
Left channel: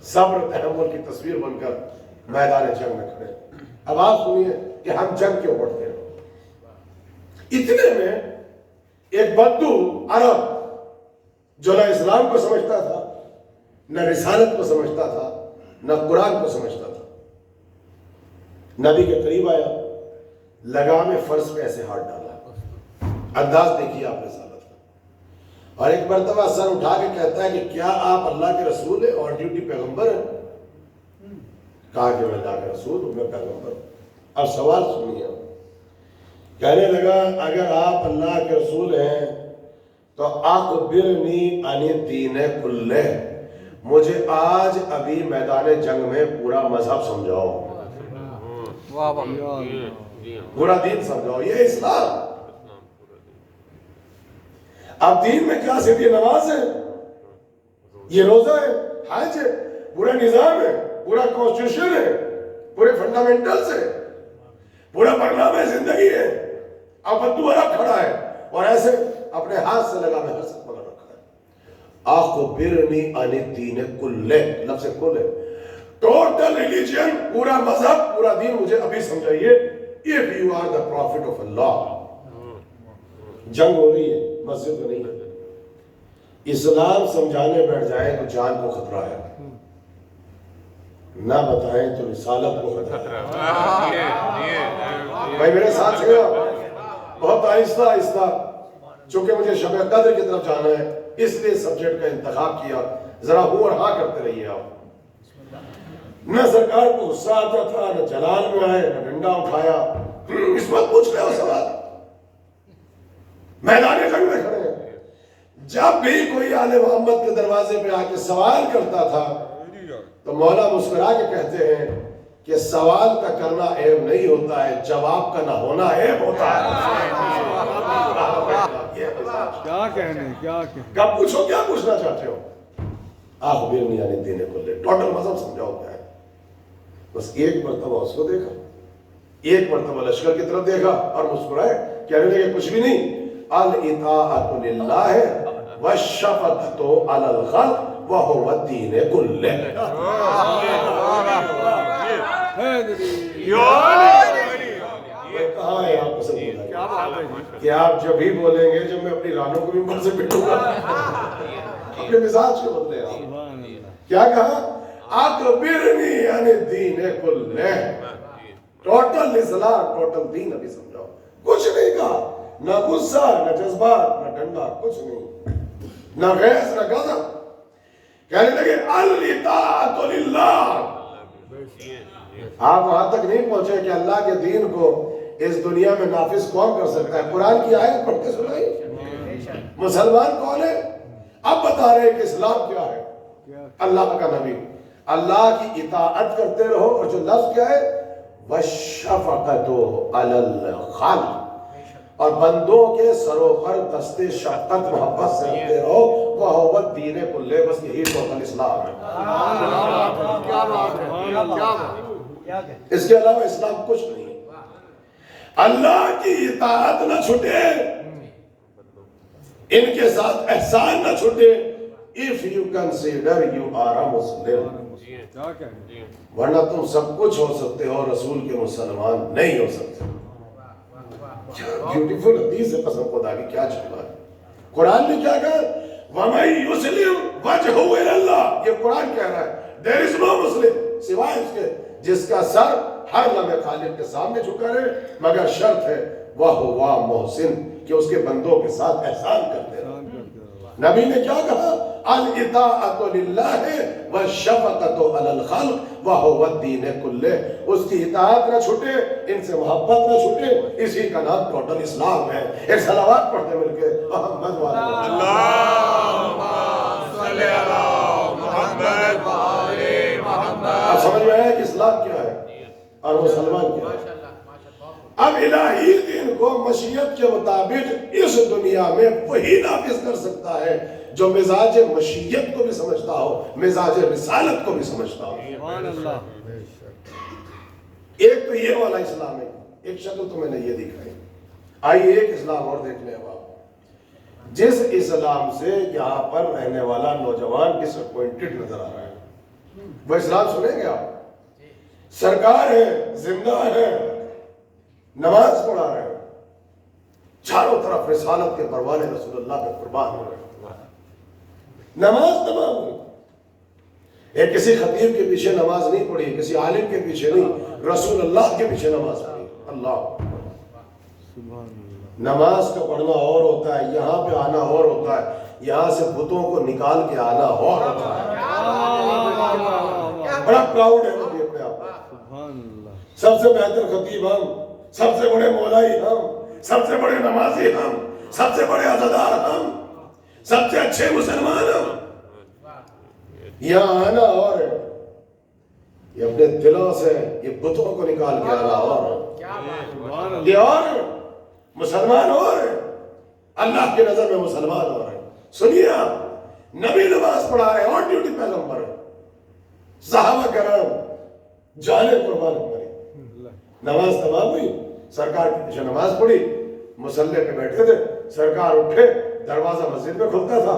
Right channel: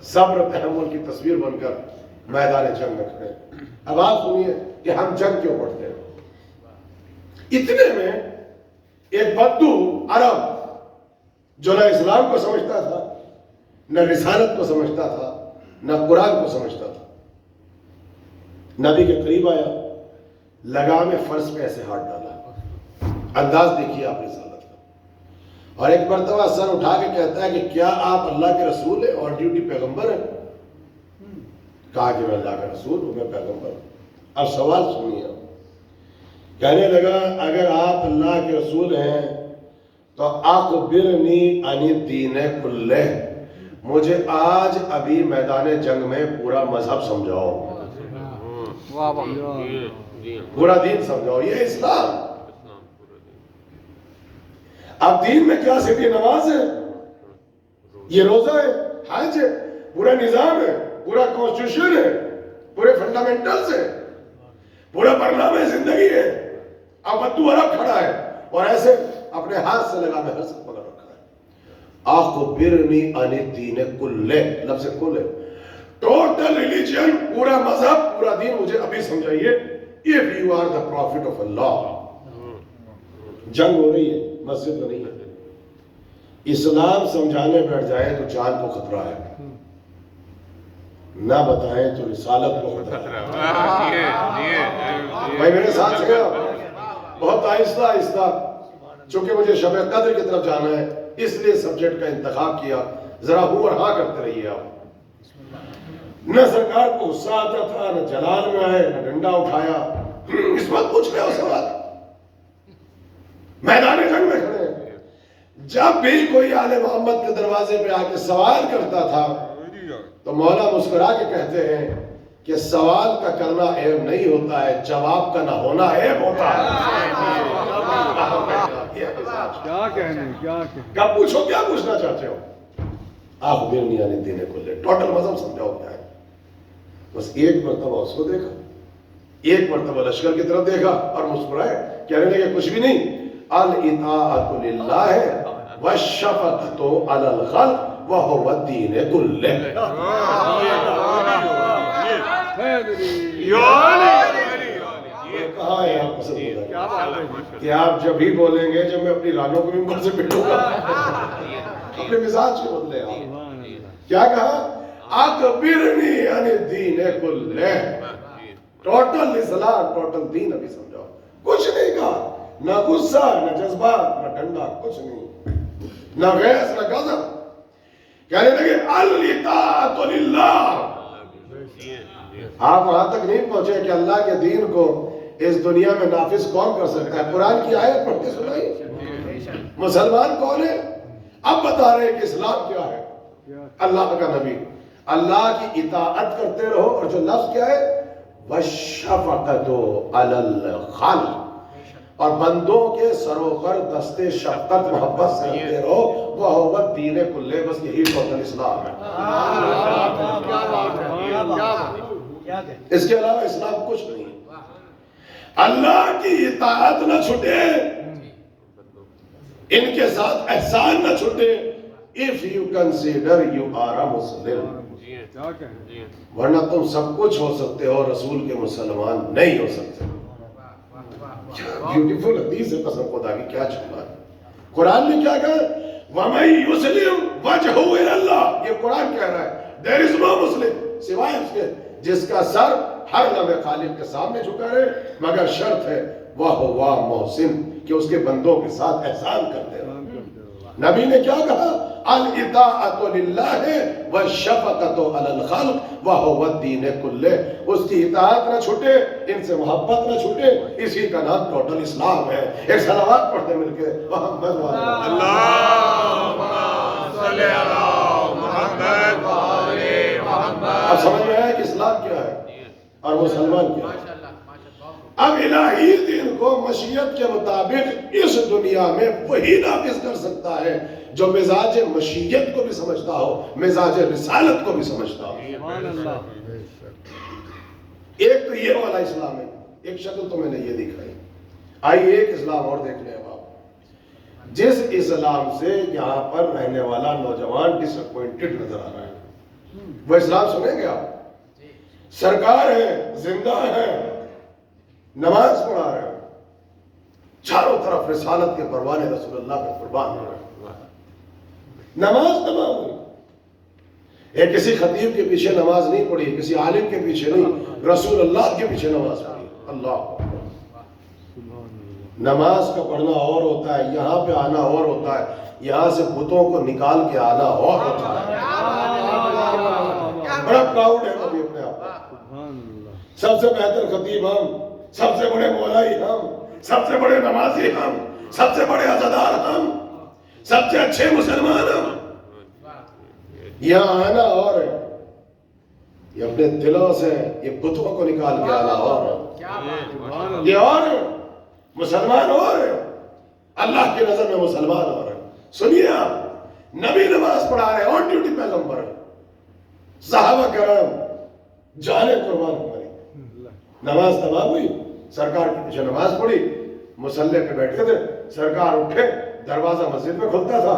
صبر تحمل کی تصویر بن کر میدان جنگ میں کھڑے. اب آپ سنیے کہ ہم جنگ کیوں پڑھتے ہیں. اتنے میں ایک بدو عرب جو نہ اسلام کو سمجھتا تھا، نہ رسالت کو سمجھتا تھا، نہ قرآن کو سمجھتا تھا، نبی کے قریب آیا، لگام فرض پہ ایسے ہاتھ ڈالا. انداز دیکھیے آپ رسالت کا. اور ایک مرتبہ سر اٹھا کے کہتا ہے کہ کیا آپ اللہ کے رسول ہیں اور ڈیوٹی پیغمبر ہیں؟ کہا کہ میں اللہ کا رسول ہوں، میں پیغمبر ہوں. اب سوال سنیے. کہنے لگا اگر آپ اللہ کے رسول ہیں تو اخبرنی عن الدین کلہ، مجھے آج ابھی میدان جنگ میں پورا مذہب سمجھاؤ، پورا دین سمجھاؤ. یہ اسلام. اب دین میں کیا صرف یہ نماز ہے، یہ روزہ ہے، حج ہے، پورا نظام ہے، پورا کانسٹیٹیوشن ہے، پورے فنڈامنٹلز ہے، پورا برنامہ زندگی ہے. اب بدو عرب کھڑا ہے اور ایسے اپنے ہاتھ سے لگا میں حسن پکڑ رکھا ہے. اخبرنی عن الدین کلہ، لفظ کل ہے، ٹوٹل ریلیجن، پورا مذہب، پورا دین مجھے ابھی سمجھائیے. if you are the prophet of Allah. جنگ ہو رہی ہے، مسجد میں نہیں ہے. اسلام سمجھانے بیٹھ جائے تو جان کو خطرہ ہے، نہ بتائیں تو رسالت کو خطرہ ہے۔ بھائی میرے ساتھ سے بہت آہستہ آہستہ، چونکہ مجھے شب قدر کی طرف جانا ہے اس لیے سبجیکٹ کا انتخاب کیا، ذرا ہوں اور ہاں کرتے رہیے آپ۔ نہ سرکار کو غصہ آتا تھا، نہ جلال میں آئے، نہ ڈنڈا اٹھایا۔ اس وقت پوچھ رہے ہو سوال، میدان جنگ میں کھڑے ہیں۔ جب بھی کوئی آل محمد کے دروازے پہ آ کے سوال کرتا تھا تو مولا مسکرا کے کہتے ہیں کہ سوال کا کرنا عیب نہیں ہوتا ہے، جواب کا نہ ہونا عیب ہوتا ہے۔ کیا کہنے، کیا کہنے، کب پوچھو کیا پوچھنا چاہتے ہو؟ آخبرنی عن الدین کلہ، ٹوٹل مذہب سمجھا ہوتا ہے۔ بس ایک مرتبہ اس کو دیکھا، ایک مرتبہ لشکر کی طرف دیکھا اور مسکرائے، کہنے لگے کچھ بھی نہیں، الاطاعۃ للہ والشفقۃ علی الخلق وهو الدین کلہ۔ یہ کہاں ہے آپ پسند ہوگا کہ آپ جب ہی بولیں گے جب میں اپنی رانوں کو بھی مل سے پٹوں گا، اپنے مزاج کو بدلے آپ۔ کیا کہا؟ اخبرنی عن الدین کلہ، ٹوٹل اسلام، ٹوٹل دین ابھی سمجھو، کچھ نہیں کہا، نہ غصہ، نہ جذبات، نہ ڈنڈا، کچھ نہیں، نہ غیظ، نہ غضب۔ کہنے لگے الاطاعۃ للہ۔ آپ وہاں تک نہیں پہنچے کہ اللہ کے دین کو اس دنیا میں نافذ کون کر سکتا ہے؟ قرآن کی آیت پڑھ کے سنائی، مسلمان کون ہے؟ اب بتا رہے ہیں کہ اسلام کیا ہے۔ اللہ کا نبی، اللہ کی اطاعت کرتے رہو، اور جو لفظ کیا ہے؟ وَالشَّفَقَةُ عَلَى الْخَلْقِ، اور بندوں کے سروخر دستے شفقت محبت سے رکھتے رہو، وَهُوَ الدِّينُ كُلُّهُ، بس یہی ٹوٹل اسلام ہے۔ اس کے علاوہ اسلام کچھ نہیں ہے۔ اللہ کی اطاعت نہ چھوٹے، ان کے ساتھ احسان نہ چھوٹے۔ If you consider you are a Muslim، ورنہ تم سب کچھ ہو سکتے ہو، رسول کے مسلمان نہیں ہو سکتے۔ بیوٹیفل حدیث ہے، قسم خدا کی کیا چل رہا ہے۔ قرآن نے کیا کہا؟ وَمَن يُسْلِمْ وَجْهُهُ إِلَى اللَّهِ، یہ قرآن کہہ رہا ہے۔ There is no Muslim سوائے اس کے جس کا سر ہر لمحے خالق کے سامنے جھکا رہے، مگر شرط ہے وَهُوَ مُحْسِن، کہ اس کے بندوں کے ساتھ احسان کرتے رہے۔ نبی نے کیا کہا؟ الاطاعۃ للہ والشفقۃ علی الخلق وهو الدین کلہ، اس کی اطاعت نہ چھوٹے، ان سے محبت نہ چھوٹے، اسی کا نام ٹوٹل اسلام ہے۔ ایک صلوات پڑھتے مل کے، محمد اللہم صلی علی محمد وآل محمد۔ اب سمجھ میں آیا کہ اسلام کیا ہے اور مسلمان کیا ہے۔ اب الہی دین کو مشیت کے مطابق اس دنیا میں وہی نافذ کر سکتا ہے جو مزاج مشیت کو بھی سمجھتا ہو، مزاج رسالت کو بھی سمجھتا ہو۔ ایک تو یہ والا اسلام ہے، ایک شکل تو میں نے یہ دکھائی۔ آئیے ایک اسلام اور دیکھ لیں آپ۔ جس اسلام سے یہاں پر رہنے والا نوجوان ڈس اپوائنٹڈ نظر آ رہا ہے، وہ اسلام سنیں گے آپ؟ سرکار ہے، زندہ ہے، نماز پڑھا رہے ہیں، چاروں طرف رسالت کے پروانے رسول اللہ کے قربان ہو رہے ہیں، نماز تمام ہوئی۔ ایک کسی خطیب کے پیچھے نماز نہیں پڑھی، کسی عالم کے پیچھے نہیں، رسول اللہ کے پیچھے نماز پڑھی۔ اللہ، نماز کا پڑھنا اور ہوتا ہے، یہاں پہ آنا اور ہوتا ہے، یہاں سے بتوں کو نکال کے آنا اور ہوتا ہے۔ بڑا پراؤڈ ہے خطیب اپنے آپ، سب سے بہتر خطیب ہم، سب سے بڑے مولائی ہم، سب سے بڑے نمازی ہم، سب سے بڑے عزادار ہم، سب سے اچھے مسلمان ہم۔ یہاں آنا اور ہے، یہ اپنے دلوں سے یہ بتوں کو نکال کے آنا اور ہے، یہ اور ہے، مسلمان اور ہے، اللہ کی نظر میں مسلمان اور ہے۔ سنیے آپ، نبی نماز پڑھا ہے، اور ڈیوٹی پیغمبر ہے، صحابہ کرام جانے قربان ہماری، نماز تمام ہوئی، سرکار کی پیچھے نماز پڑھی، مصلی پہ بیٹھے تھے، سرکار اٹھے، دروازہ مسجد میں کھلتا تھا،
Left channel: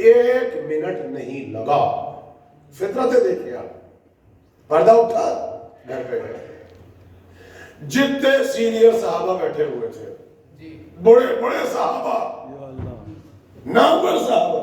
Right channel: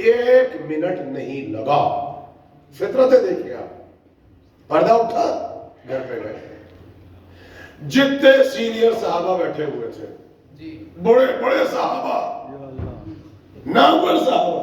1 منٹ نہیں لگا۔ فطرتیں دیکھیے آپ، پردہ اٹھا، گھر پہ گئے، جتنے سینئر صحابہ بیٹھے ہوئے تھے، بڑے بڑے صحابہ، نامور صحابہ،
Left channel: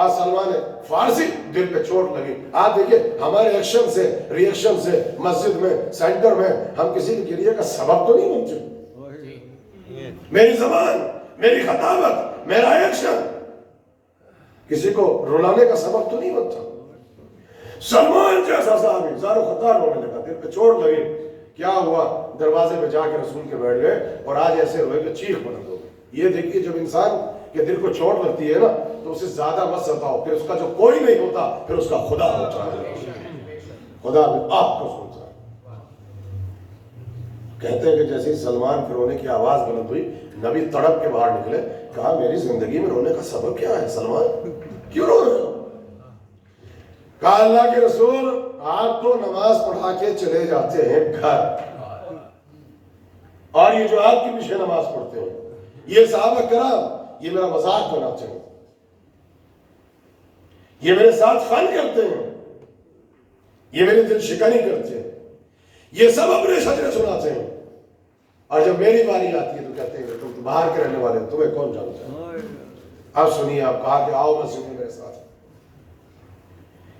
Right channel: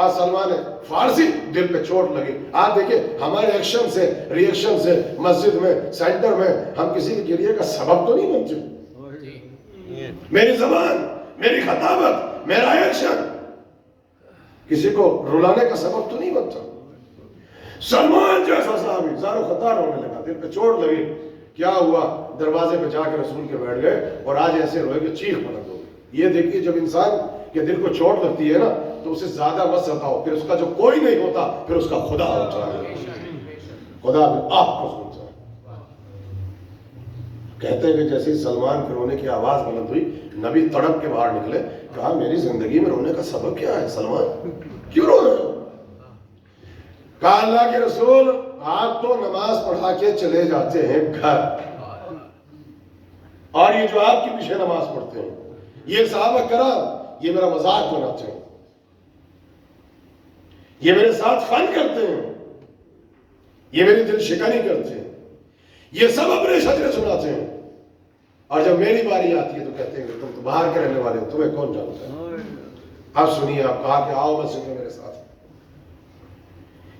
آج سلمان فارسی دل پہ چوٹ لگی. آج دیکھیں ہمارے ایکشن سے ریئیکشن سے مسجد میں سینٹر میں ہم کسی کے گریے کا سبب تو نہیں بنتے. میری زبان، میری خطابت، میرا ایکشن کسی کو رلانے کا سبب تو نہیں بنتا. سلمان جیسا صحابی زارو خطار ہونے لگا، دل پہ چوٹ لگی. کیا ہوا؟ دروازے پہ جا کے رسول کے بیٹھ گئے اور آج ایسے ہوئے کہ چیخ بند ہو گئی. یہ دیکھیے جب انسان کے دل کو چوٹ لگتی ہے نا تو اسے زیادہ مت ستاؤ، پھر اس کا جو کوئی نہیں ہوتا پھر اس کا خدا ہوتا ہے. خدا بھی آپ کو سنتا ہے. کہتے ہیں کہ جیسے سلمان کے رونے کی آواز بلند ہوئی، نبی تڑپ کے باہر نکلے. کہا میری زندگی میں رونے کا سبب کیا ہے سلمان، کیوں رو رہے ہو؟ کہا اللہ کے رسول آپ تو نماز پڑھا کے چلے جاتے ہیں گھر، اور یہ جو آپ کے پیچھے نماز پڑھتے ہیں یہ صحابہ کرام یہ میرا مذاق بناتے ہیں، یہ میرے ساتھ فن کرتے ہیں، یہ میری دل شکنی کرتے ہیں، یہ سب اپنے شجرے سناتے ہیں، اور جب میری باری آتی ہے تو کہتے ہیں کہ تم باہر کے رہنے والے ہو، تمہیں کون جانتا ہے. اب سنیے، آپ کہا کہ آؤ مسجد میں میرے ساتھ.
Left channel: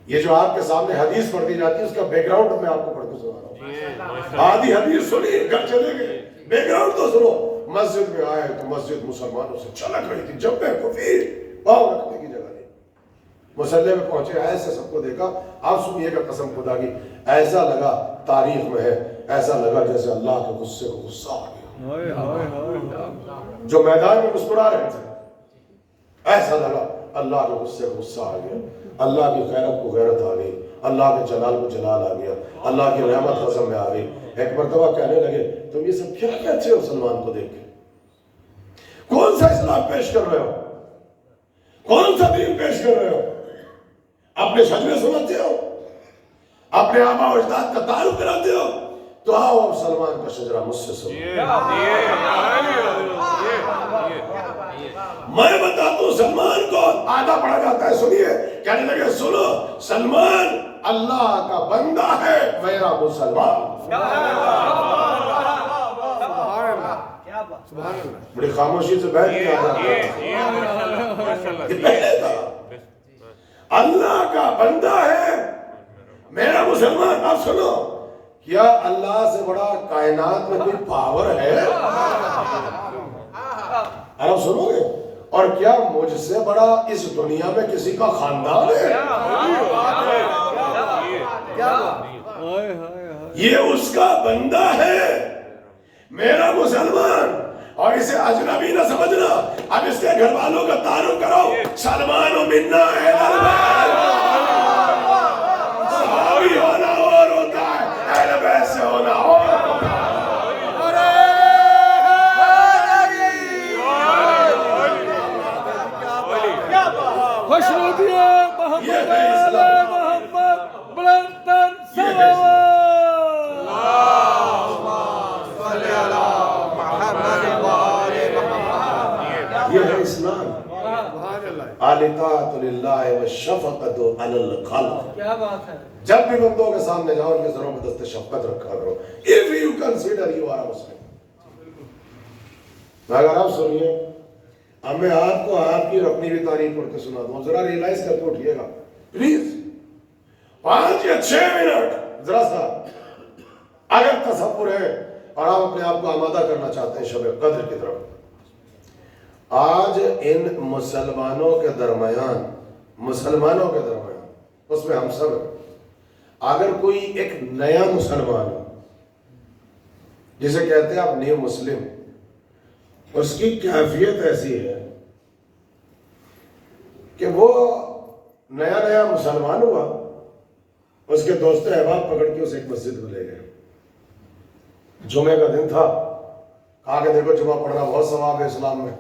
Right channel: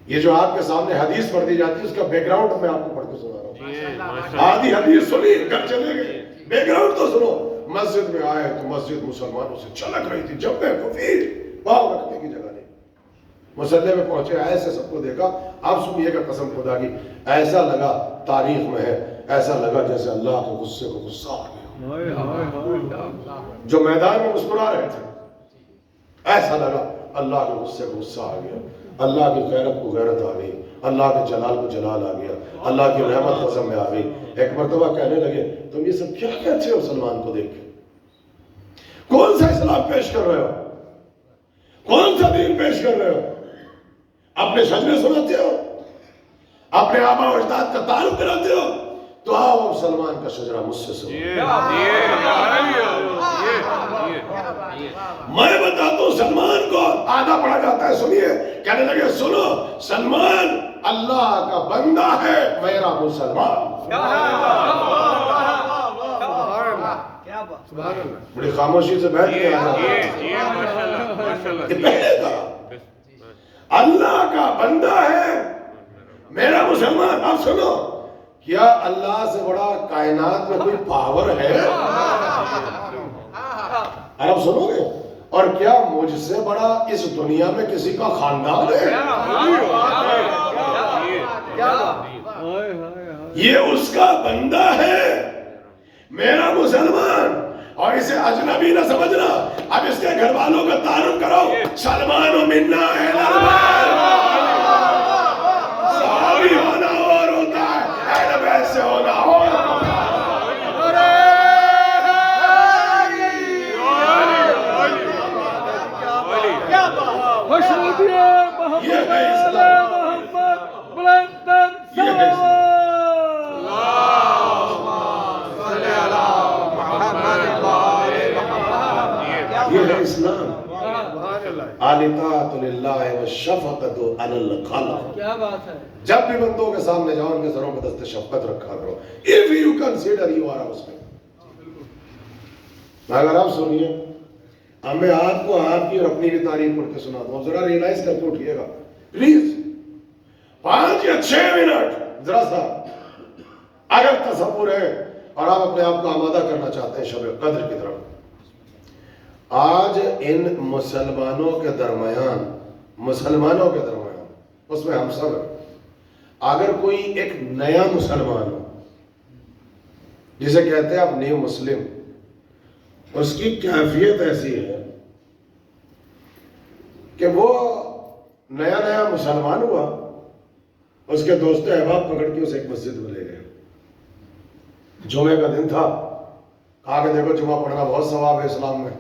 یہ جو آپ کے سامنے حدیث پڑھ دی جاتی ہے اس کا بیک گراؤنڈ میں آپ کو پڑھ کے سنا رہا ہوں. آدھی حدیث سنی گھر چلے گئے، بیک گراؤنڈ تو سنو. مسجد میں آئے تو مسجد مسلمانوں سے چھلک رہی تھی، جب میں کفیر پاؤں رکھنے کی جگہ نہیں. مسلح میں پہنچے، ایسے سب کو دیکھا. آپ سنیے گا قسم خدا کی، ایسا لگا تاریخ میں ہے، ایسا لگا جیسے اللہ کے غصے کو غصہ آ گیا. جو میدان میں مسکرا رہے تھے ایسا لگا اللہ کے غصے کو غصہ آ گیا، اللہ کی غیرت کو غیرت آ گئی، اللہ کے جلال کو جلال آ گیا، اللہ کی رحمت حضم میں آ گئی. ایک مرتبہ کہنے لگے تم یہ سب کیا کہتے ہو سلمان کو دیکھ کے؟ کون سا اسلام پیش کر رہے ہو؟ کون سا دین پیش کر رہے ہو؟ اپنے شجرے سناتے ہو؟ اپنے آبا و اجداد کا تعارف کراتے ہو؟ تو آؤ اب سلمان کا شجرہ مجھ سے سنو. میں بتاتا ہوں سلمان کو آدھا پڑھا جاتا ہے. سنیے، کہنے لگے سنو سلمان اللہ کا بندہ ہے میرا مسلمان. بڑی خاموشی سے بیٹھ گئے. یہ پہلے تھا اللہ کا بندہ ہے میرا مسلمان. اب سنو، کیا اللہ سے بڑا کائنات میں کوئی پاور ہے؟ اب سنو گے. اور کیا مجھ سے بڑا اس دنیا میں کسی کا خاندان ہے؟ یہ اس کا بندہ ہے میرا مسلمان. اور اسے اجنبی نہ سمجھنا. اب اس کے گھر والوں کا تعارف کراؤ. سلمان و منا صحابی ہونا اور ہوتا ہے، اہل بیت سے ہونا اور یہ ہے اسلام. یہ ہے اسلام. الاطاعۃ للہ والشفقۃ علی الخلق. جب بھی بندوں کے سامنے جاؤ ان کے سروں میں دست شفقت رکھا کرو. if you consider you are a Muslim. اگر آپ سنیے، اب میں آپ کو آپ کی اور اپنی بھی تعریف پڑھ کے سنا دوں. ذرا ریلائز کر کے اٹھیے گا پلیز. 5 یا 6 منٹ ذرا سا اگر تصور ہے اور آپ اپنے آپ کو آمادہ کرنا چاہتے ہیں شب قدر کی طرف. آج ان مسلمانوں کے درمیان اس میں ہم سب اگر کوئی ایک نیا مسلمان جسے کہتے ہیں آپ نیو مسلم، اس کی کیفیت ایسی ہے کہ وہ نیا مسلمان ہوا، اس کے دوست احباب پکڑ کے اسے ایک مسجد میں لے گئے. جمعے کا دن تھا، کہا کہ دیکھو جمعہ پڑھنا بہت ثواب ہے اسلام میں،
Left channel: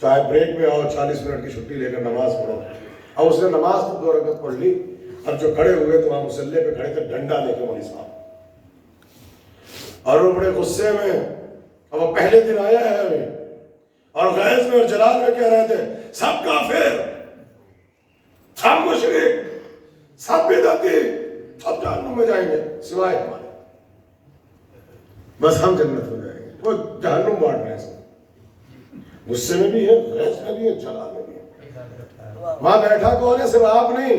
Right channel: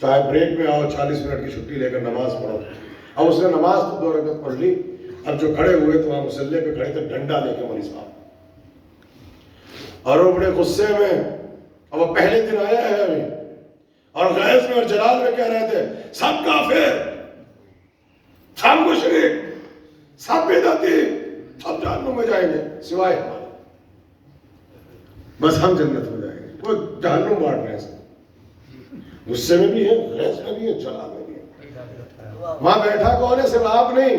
چاہے بریک میں آؤ 40 منٹ کی چھٹی لے کر نماز پڑھو. اب اس نے نماز تو 2 رکعت پڑھ لی. اب جو کھڑے ہوئے تو وہاں مسلح پہ کھڑے تھے ڈنڈا لے کے مولوی صاحب، اور وہ بڑے غصے میں، اب وہ پہلے دن آیا ہے ابھی، اور غیظ میں اور جلال میں کہہ رہے تھے سب کافر، سب مشرک، سب بدعتی، سب جہنم میں جائیں گے سوائے ہمارے، بس ہم جنت میں جائیں گے. وہ جہنم بانٹ رہے ہیں. غصے میں بھی ہے، غیظ میں بھی ہے، جلال میں بھی ہے. وہاں بیٹھا کون ہے؟ صرف آپ نہیں،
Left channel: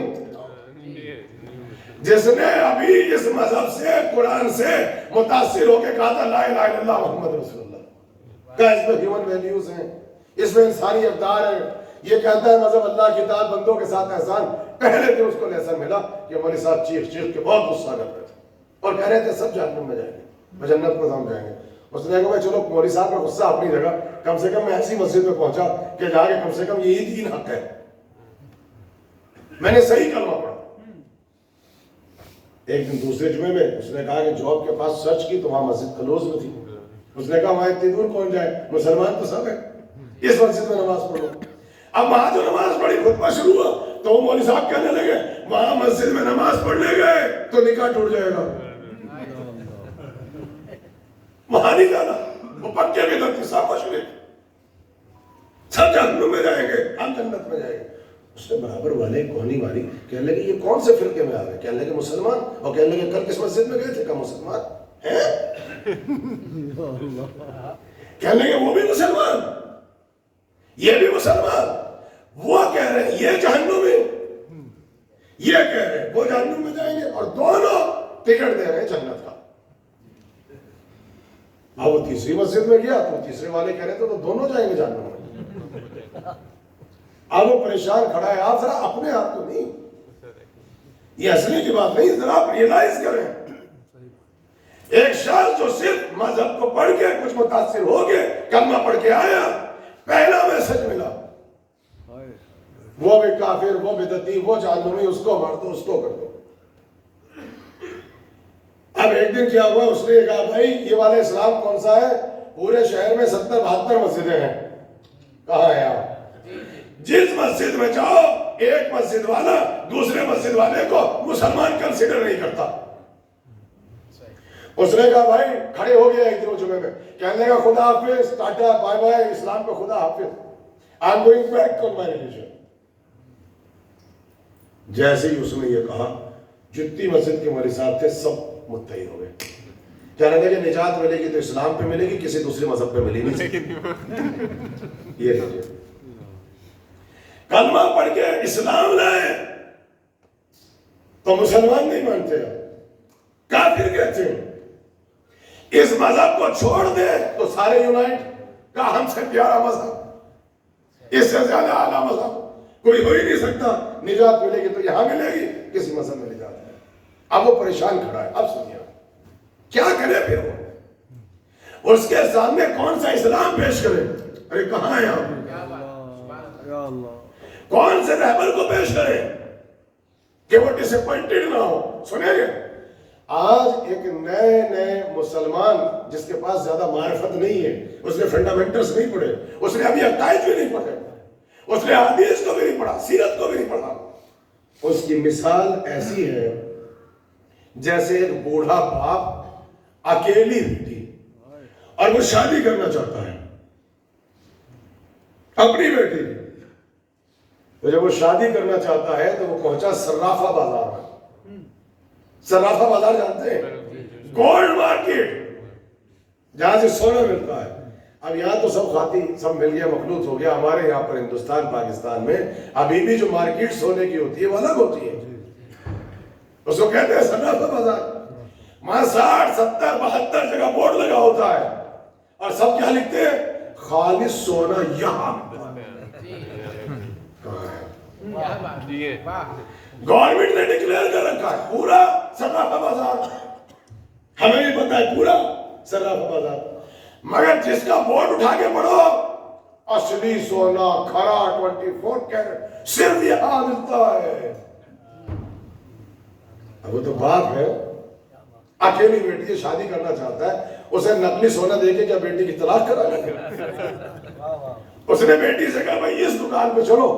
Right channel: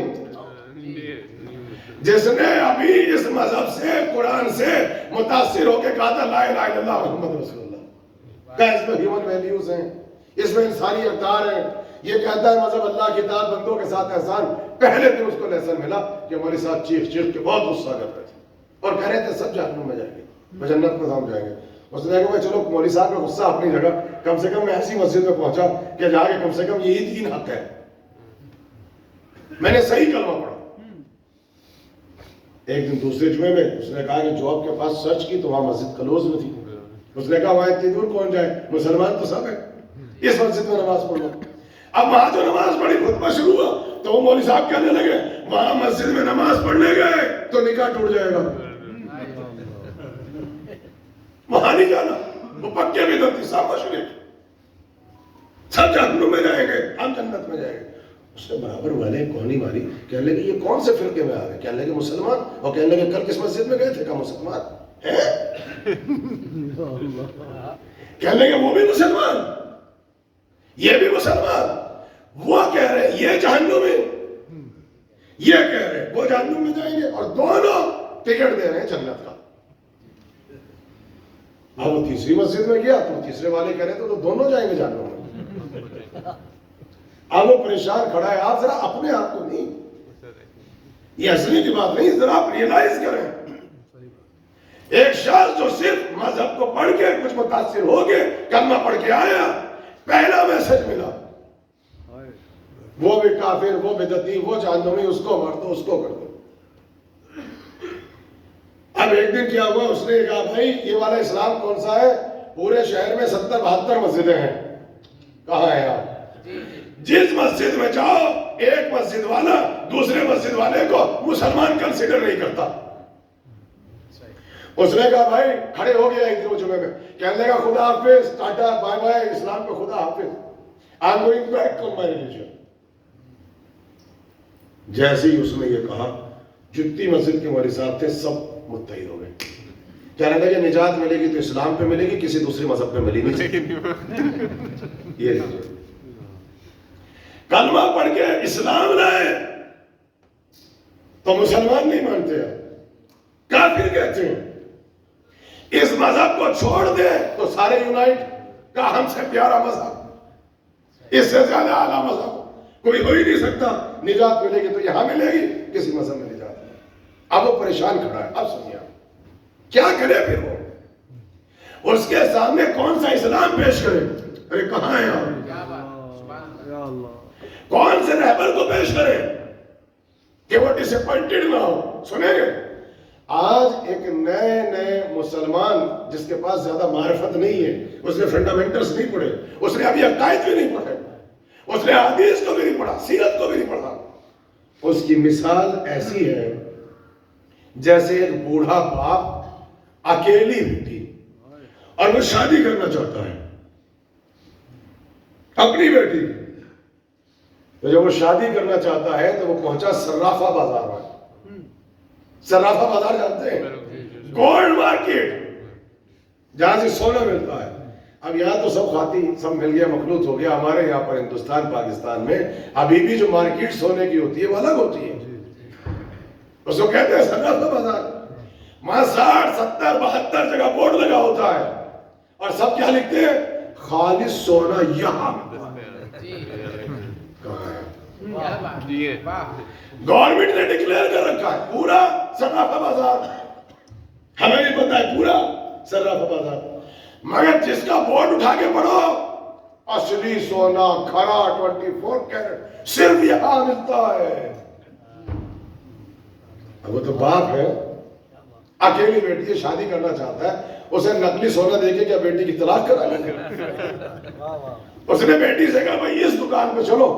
جس نے ابھی اس مذہب سے قرآن سے متاثر ہو کے کہا تھا لا الہ الا اللہ محمد رسول اللہ، کہا اس میں ہیومن ویلیوز ہیں، اس میں انسانی اقدار ہے، یہ کہتا ہے مذہب اللہ کتاب بندوں کے ساتھ احسان۔ پہلے دن اس کو لیسن ملا کہ ہمارے ساتھ چیخ چیخ کے بہت غصہ کر رہے تھے اور کہہ رہے تھے سب جہنم میں جائیں گے، میں جنت میں ہم جائیں گے۔ اس نے کہا چلو مولوی صاحب کا غصہ اپنی جگہ، کم سے کم میں ایسی مسجد میں پہنچا کہ جا کے کم سے کم یہی دین حق ہے، میں نے صحیح کلمہ پڑھا۔ ایک دن دوسرے جمعے میں اس نے کہا کہ جو آپ کے پاس سرچ کی تو وہاں مسجد کلوز میں تھی۔ اس نے کہا وہاں اتنی دور کون جائے، مسلمان تو سب ہے، اس مسجد میں نماز پڑھو۔ اب وہاں جو نماز پڑھی خطبہ شروع ہوا تو وہ مولوی صاحب کہنے لگے وہاں مسجد میں نماز پڑھنے گئے تو نکاح ٹوٹ جائے گا، وہاں نہیں جانا، وہ پکے بھی تو صاحب شریف سب جہنم میں جائیں گے، ہم جنت میں جائیں گے۔ اس نے برابر والے کوہنی والی کہنے لگے یہ کون سے فرقے میں آ رہے؟ کہنے لگے مسلمان، اور کہنے لگے کل کس مسجد میں گئے تھے؟ کہا مسلمان ہیں، کہنے لگے وہ بھی مسلمان، یہ بھی مسلمان، وہ کہہ رہے ہیں یہ جہنم میں، یہ کہہ رہے ہیں وہ جہنم میں جائیں گے، اور دونوں ٹکٹ دے رہے ہیں جنت کا۔ اب وہ تیسری مسجد میں گیا تو تیسرے والے کہہ رہے تھے تو دونوں جائیں گے جہنم میں۔ اب وہ پریشان کھڑا ہے، آپ ذرا اپنے آپ کو نہیں، یہ اصلی کی بات نہیں، ذرا آپ ریئلائز کریں۔ ایک شخص جو صرف مذہب کو پڑھ کے کچھ متاثر ہو کے کلمہ پڑھ کے آیا، پہلا میسج ملا وہ بھی کافر، وہ بدعتی، وہ جہنمی، اس کو مار دو، اس کو کر دو۔ اب ایک دن کیا ہوا، اس نے کہا بھائی یہ والا اسلام کون سا ہے؟ پورے شہر میں 70-72 مسجدیں ہیں، کہاں ہے آپ؟ جس مسجد میں جاؤ ایک مسجد والا دوسرے مسجد والے کو مسلمان کنسیڈر نہیں کرتا۔ اس نے کہا بھائی کھڑے ہو گیا ایک دن جمعے میں، کہنے لگا خدا حافظ، ٹاٹا بائے بائے، اسلام کو خدا حافظ، I am going back to my religion. جیسے ہی اس نے یہ کہا جتنی مسجد کے ہمارے ساتھ تھے سب متحد ہو گئے، کہنے لگے نجات ملے گی تو اسلام پہ ملے گی، کسی دوسرے مذہب پہ ملی نہیں سکتی۔ یہ کلمہ پڑھ کے اسلام لائے تو مسلمان نہیں مانتے، کافر کہتے ہیں۔ اس مذہب کو چھوڑ دے تو سارے یونائٹ، کا ہم سے پیارا مذہب، اس سے زیادہ اعلیٰ مذہب کوئی ہو ہی نہیں سکتا، نجات ملے گی تو یہاں ملے گی، کسی مذہب میں نجات نہیں۔ اب وہ پریشان کھڑا ہے، اب سنیے کیا کرے پھر وہ، اس کے سامنے کون سا اسلام پیش کرے؟ ارے کہاں ہے آپ، کون سے رہبر کو پیش کرے کہ وہ ڈس اپوائنٹڈ نہ ہو؟ سنیں گے آج ایک نئے مسلمان جس کے پاس زیادہ معرفت نہیں ہے، اس نے فنڈامنٹلز نہیں پڑھے، اس نے ابھی عقائد بھی نہیں پڑھے، اس نے حدیث کو بھی نہیں پڑھا، سیرت کو بھی نہیں پڑھا، اس کی مثال ایسی ہے جیسے ایک بوڑھا باپ اکیلی بیٹی اور وہ شادی کرنا چاہتا ہے اپنی بیٹی، تو جب وہ شادی کرنا چاہتا ہے تو وہ پہنچا صرافہ بازار میں۔ صرافہ بازار جانتے ہیں؟ گولڈ مارکیٹ، جہاں سے سونا ملتا ہے۔ اب یہاں تو سب کھاتی سب مل گیا، مخلوط ہو گیا، ہمارے یہاں پر ہندوستان پاکستان میں ابھی بھی جو مارکیٹ سونے کی ہوتی ہے وہ الگ ہوتی ہے، اس کو کہتے ہیں صرافہ بازار۔ وہاں 60 70 72 جگہ بورڈ لگا ہوتا ہے اور سب کیا لکھتے ہیں؟ خالص سونا یہاں۔ گورنمنٹ نے ڈکلیئر کر رکھا ہے پورا صرافہ بازار، ہمیں بھی پتا ہے پورا صرافہ بازار، مگر جس کا بورڈ اٹھا کے پڑھو اصلی سونا کھرا 24 کیرٹ صرف یہاں ملتا ہے۔ وہ تو باپ ہے، اکیلی بیٹی ہے، شادی کرنا چاہتا ہے، اسے نقلی سونا دے کے کیا بیٹی کی طلاق کرا لیں گے؟ اس نے بیٹی سے کہا بھائی اس دکان پہ چلو،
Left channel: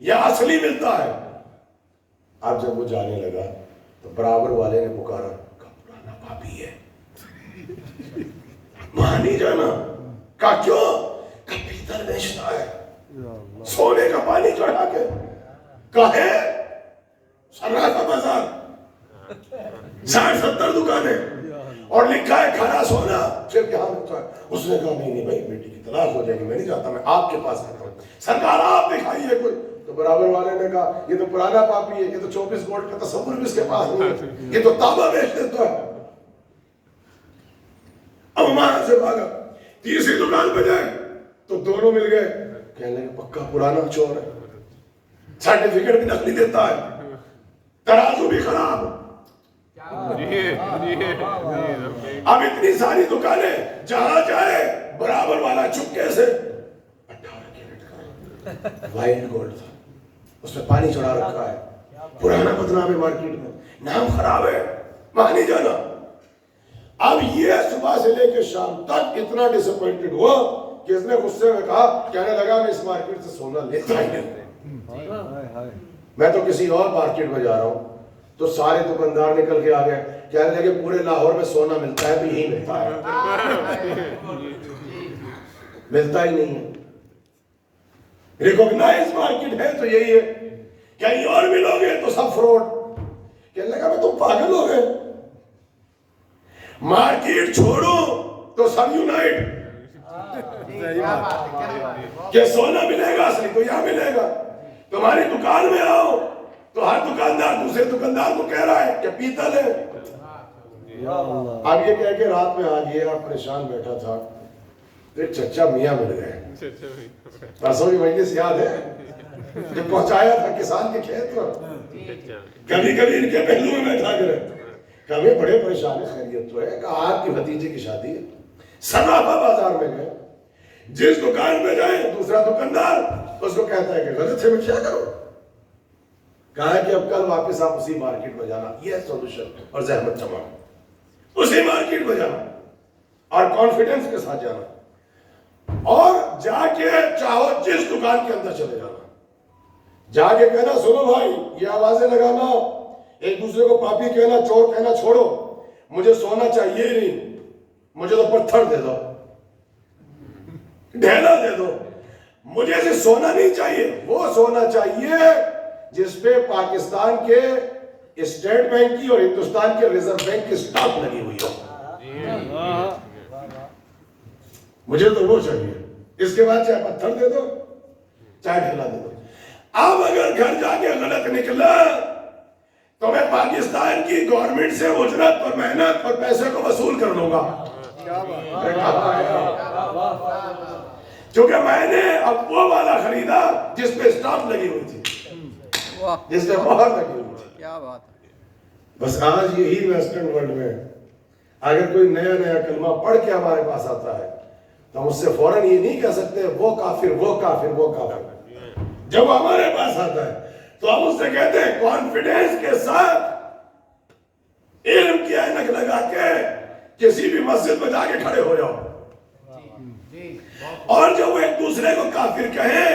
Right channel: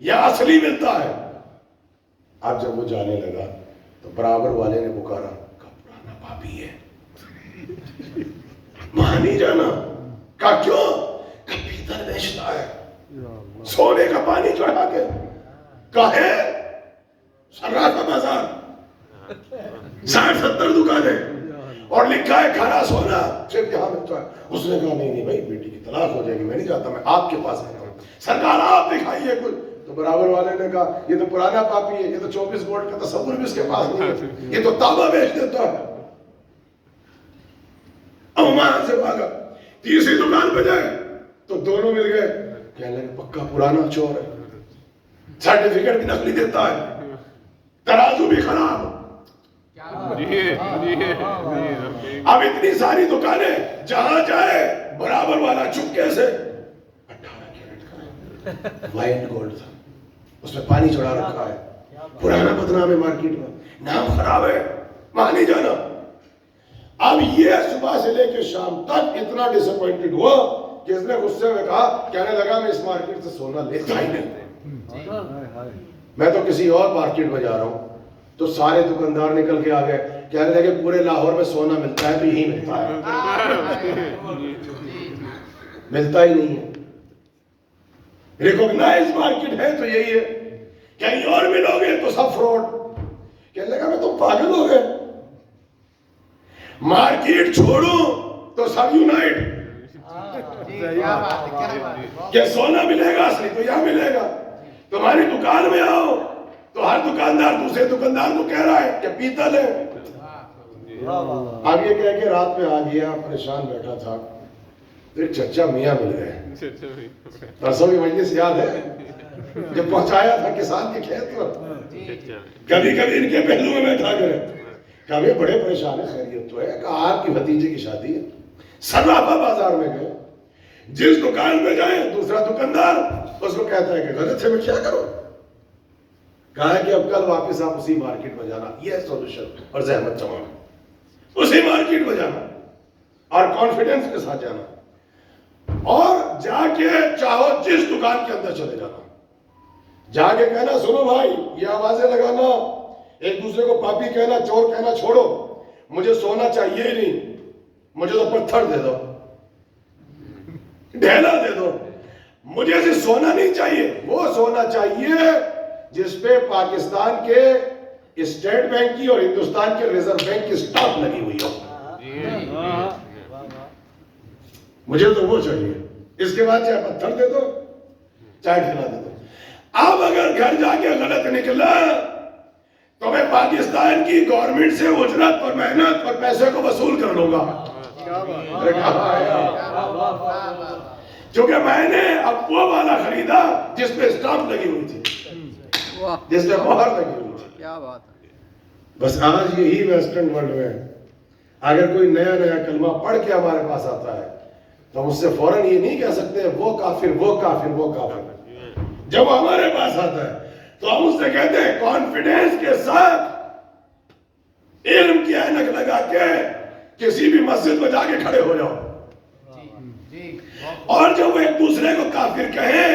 یہ اصلی ملتا ہے۔ اب جب وہ جانے لگا تو برابر والے نے پکارا، کہا پرانا پاپی ہے، وہاں نہیں جانا۔ کہا کیوں؟ کہ پیتل بیچتا ہے، سونے کا پانی چڑھا کے۔ کہا ہے صرافہ بازار، 60 70 دکانیں اور لکھا ہے کھرا سونا صرف یہاں ملتا ہے۔ اس نے کہا نہیں بھائی بیٹی کی طلاق ہو جائے گی، میں نہیں چاہتا، میں آپ کے پاس آتا ہوں، سرکار آپ دکھائیے کوئی تو برابر والے نے کہا یہ تو پرانا کاپی ہے، یہ تو 24 وولٹ کا تصور بھی اس کے پاس نہیں ہے، یہ تو تابا بیچ دیتا ہے۔ اب وہاں سے بھاگا، تیسری دکان پہ جائے تو دونوں مل گئے، کہنے لگے پکا پرانا چور ہے، سرٹیفکیٹ بھی نقلی دیتا ہے، ترازو بھی خراب۔ اب اتنی ساری دکانیں، جہاں جائے برابر والا چپکے سے 18 کیرٹ کا وائٹ گولڈ تھا، اس میں پانی چڑھا رکھا ہے، پرانا بدنام ہے مارکیٹ میں، نام خراب ہے، وہاں نہیں جانا۔ اب یہ صبح سے لے کے شام تک اتنا ڈس اپوائنٹڈ ہوا کہ اس نے غصے میں کہا، کہنے لگا میں اس مارکیٹ سے سونا لیتا ہی نہیں، میں تو کسی اور مارکیٹ میں جا رہا ہوں۔ تو سارے دکاندار نکل کے آ گئے، کہنے لگے پورے لاہور میں سونا ملتا ہے تو یہی ملتا ہے، ملتا ہی نہیں ہے، ریکوگنائز مارکیٹ ہے تو یہی ہے، کہیں اور ملو گے تو سب فراڈ۔ کہنے لگا میں تم پاگل ہو گئے، مارکیٹ چھوڑو تو سب یونائٹ، کہ سونا ملے گا اصلی تو یہاں ملے گا، تمہاری دکان میں آؤ تو ہر دکاندار دوسرے دکاندار کو کہہ رہا ہے کہ پیتل ہے۔ اب یہ کہہ کے رات میں آ گیا، پریشان بیٹھا تھا، ایک چچا میاں مل گئے، پرسوں کی مجلس یاد ہے جو پہنچایا تھا کسان کے کھیت میں، کبھی کبھی ان کے پہلو میں بیٹھا کرے، کبھی بڑے پریشان ہے، خیریت تو ہے، کہا آپ کی بھتیجے کی شادی ہے، سراپا بازار میں گئے، جس دکان میں جائیں دوسرا دکاندار اس کو کہتا ہے کہ غلط ہے میں کیا کروں، کہا ہے کہ اب کل واپس آپ اسی مارکیٹ میں جانا، یہ سولوشن اور زحمت تمام، اسی مارکیٹ میں جانا اور کانفیڈنس کے ساتھ جانا، اور جا کے چاہو جس دکان کے اندر چلے جانا، جا کے کہنا سنو بھائی یہ آوازیں لگانا، ایک دوسرے کو پاپی کہنا، چور کہنا چھوڑو، مجھے سونا چاہیے ہی نہیں، مجھے تو پتھر دے دو، ڈھیلا دے دو، مجھے صرف سونا نہیں چاہیے، وہ سونا چاہیے جس پہ پاکستان کے اسٹیٹ بینک کی اور ہندوستان کے ریزرو بینک کی سٹاپ لگی ہوئی ہو، مجھے تو وہ چاہیے، اس کے بعد چاہے پتھر دے دو چاہے ڈھیلا دے دو۔ اب اگر گھر جا کے غلط نکلا تو میں پاکستان کی گورنمنٹ سے اجرت اور محنت اور پیسے کو وصول کر لوں گا، کیونکہ میں نے اب وہ والا خریدا جس پہ اسٹامپ لگی ہوئی تھی، جس پہ مہر لگی ہوئی تھی۔ کیا بات ہے۔ بس آج یہی ویسٹرن ورلڈ میں اگر کوئی نیا کلمہ پڑھ کے ہمارے پاس آتا ہے تو ہم اس سے فوراً یہ نہیں کہہ سکتے وہ کافر وہ کافر وہ کافر، جب وہ ہمارے پاس آتا ہے تو ہم اس سے کہتے ہیں کانفیڈنس کے ساتھ علم کی اینک لگا کے کسی بھی مسجد میں جا کے کھڑے ہو جاؤ، اور جب وہ ایک دوسرے کو کافر کہیں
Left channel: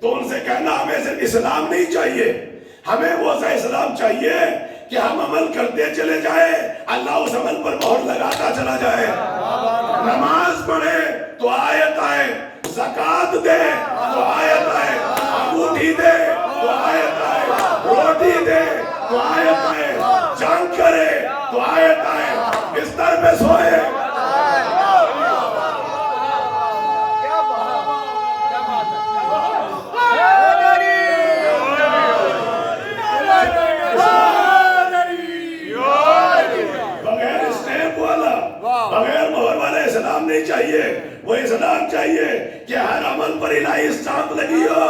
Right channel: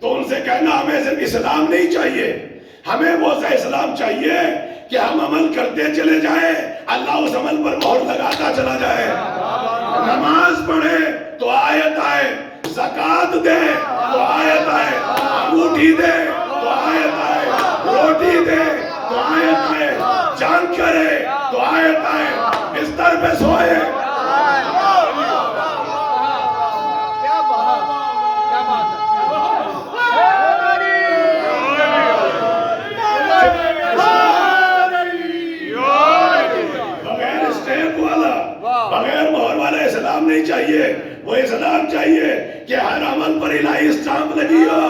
تو ان سے کہنا ہمیں صرف اسلام نہیں چاہیے، ہمیں وہ سا اسلام چاہیے کہ ہم عمل کرتے چلے جائیں، اللہ اس عمل پر مہر لگاتا چلا جائے، نماز پڑھے تو آیت آئے، زکات دے تو آیت آئے، انگوٹھی دے تو آیت آئے، روٹی دے تو آیت آئے، جان کرے تو آیت آئے، بستر پہ سوئے بغیر مہر والا اسلام نہیں چاہیے، وہ اسلام چاہیے کہ ہر عمل پر الہی اسٹامپ لگی ہو،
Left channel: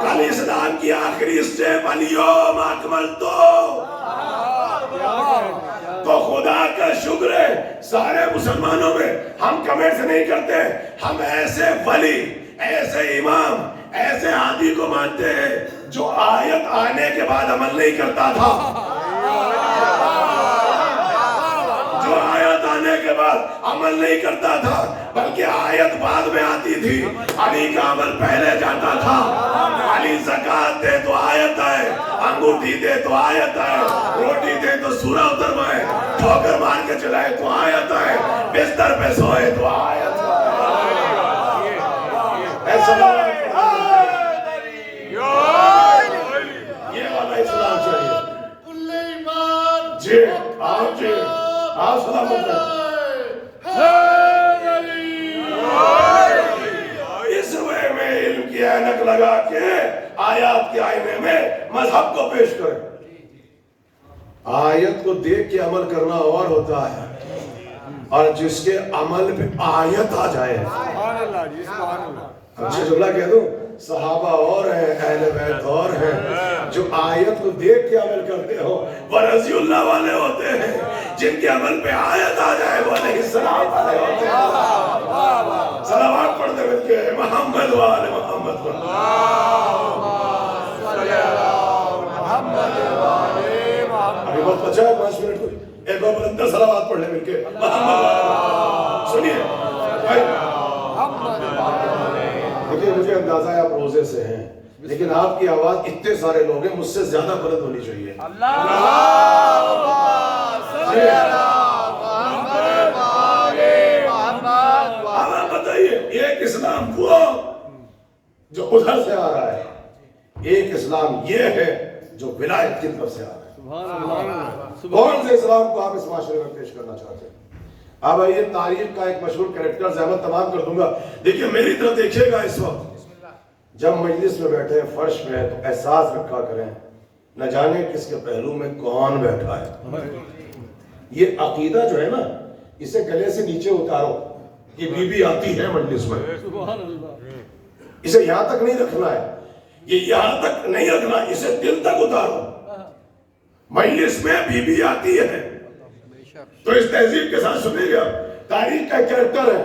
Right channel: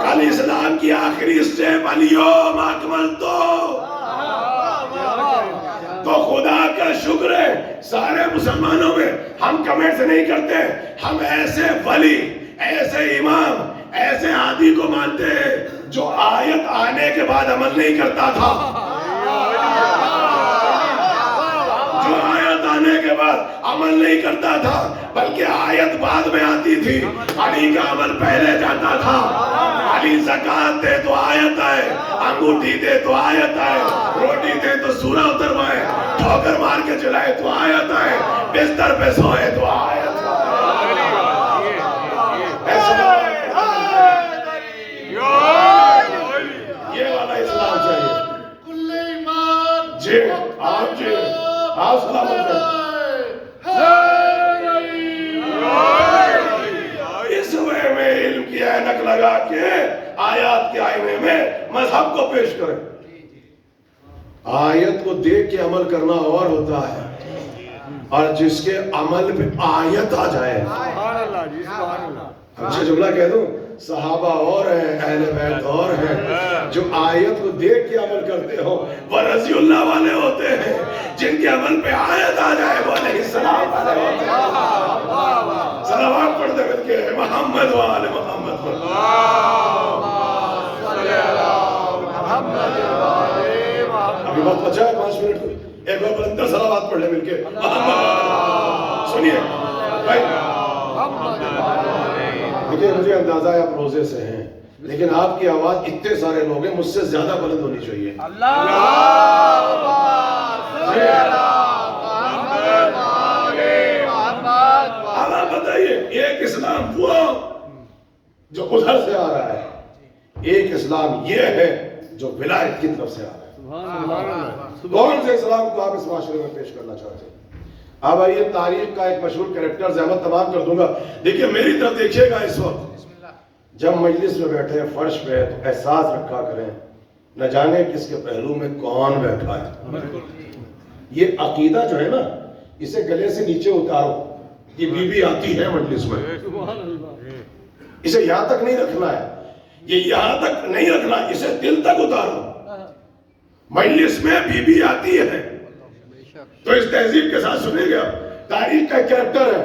کل اسلام کی آخری اسٹیپ اليوم اکملت تو خدا کا شکر ہے سارے مسلمانوں میں ہم کمنٹ سے نہیں کرتے، ہم ایسے ولی ایسے امام ایسے ہادی کو مانتے ہیں جو آیت آنے کے بعد عمل نہیں کرتا تھا، جو آیت آنے کے بعد عمل نہیں کرتا تھا بلکہ آیت بعد میں آتی تھی، علی کا عمل پہلے جاتا تھا، علی زکات دے تو آیت آئے، انگوٹھی دے تو آیت آئے، روٹی دے تو سورہ اتروائے، ٹھوکر مار کے چلائے تو آیت آئے، بستر پہ سوئے تو آیت آئے، یہ والا اسلام چاہیے۔ جی آپ سلامت رہے، اس وے میں علم کی اینک لگا کے سب کو پیش کریں. آیت کو دیکھ کے عمل کرنا اور ہوتا ہے، اور جس کے عمل پہ آیت آ جائے. سبحان اللہ جی، سبحان اللہ. اچھا جملہ کہہ دوں، صحابہ اور ہیں، اہل بیت اور ہیں، جو آیت کو دیکھ کے عمل کرتے ہو وہ رضی اللہ والے ہوتے ہیں. جن کے عمل پہ آیت آ جائے وہ علیہ السلام والے ہوتے ہیں. صلوات پڑھتے ہوئے کہ محمد و آل محمد. یہ بہت اچھا ہے. 5 منٹ کو ایک بار بلندر صلوات پڑھ لیں مل کے. سنیے بھائی، دیکھیے مجھے اندازہ ہے آپ روزے سے ہیں، لیکن آپ کی آواز اتنے سارے لوگ ہیں، مجھ سے زیادہ بلند ہونی چاہیے. بتائیے، ایک اسلام وہ جو ادھر سے آ رہا ہے، ایک اسلام یہ ہے جو ولایت کی طرف سے آ رہا ہے. کون سے اسلام کو آپ اس معاشرے میں پیش کرنا چاہتے ہیں؟ اب آئیے تاریخ کا ایک مشہور کریکٹر زحمت تمام کر دوں گا. دیکھیے میری طرف دیکھیے گا. اس وقت جب مجلس میں بیٹھے فرش پہ تو احساس رکھا کریں نہ جانے کس کے پہلو میں کون بیٹھا ہے. یہ عقیدہ جو ہے نا، اسے گلے سے نیچے اتارو. یہ بی بی آتی ہے مجلس میں، اسے یہاں تک نہیں رکھنا ہے، یہ یہاں تک نہیں رکھنا، اسے دل تک اتارو. مجلس میں بی بی آتی ہے تو اس تہذیب کے ساتھ سنے گا. تاریخ کا کریکٹر ہے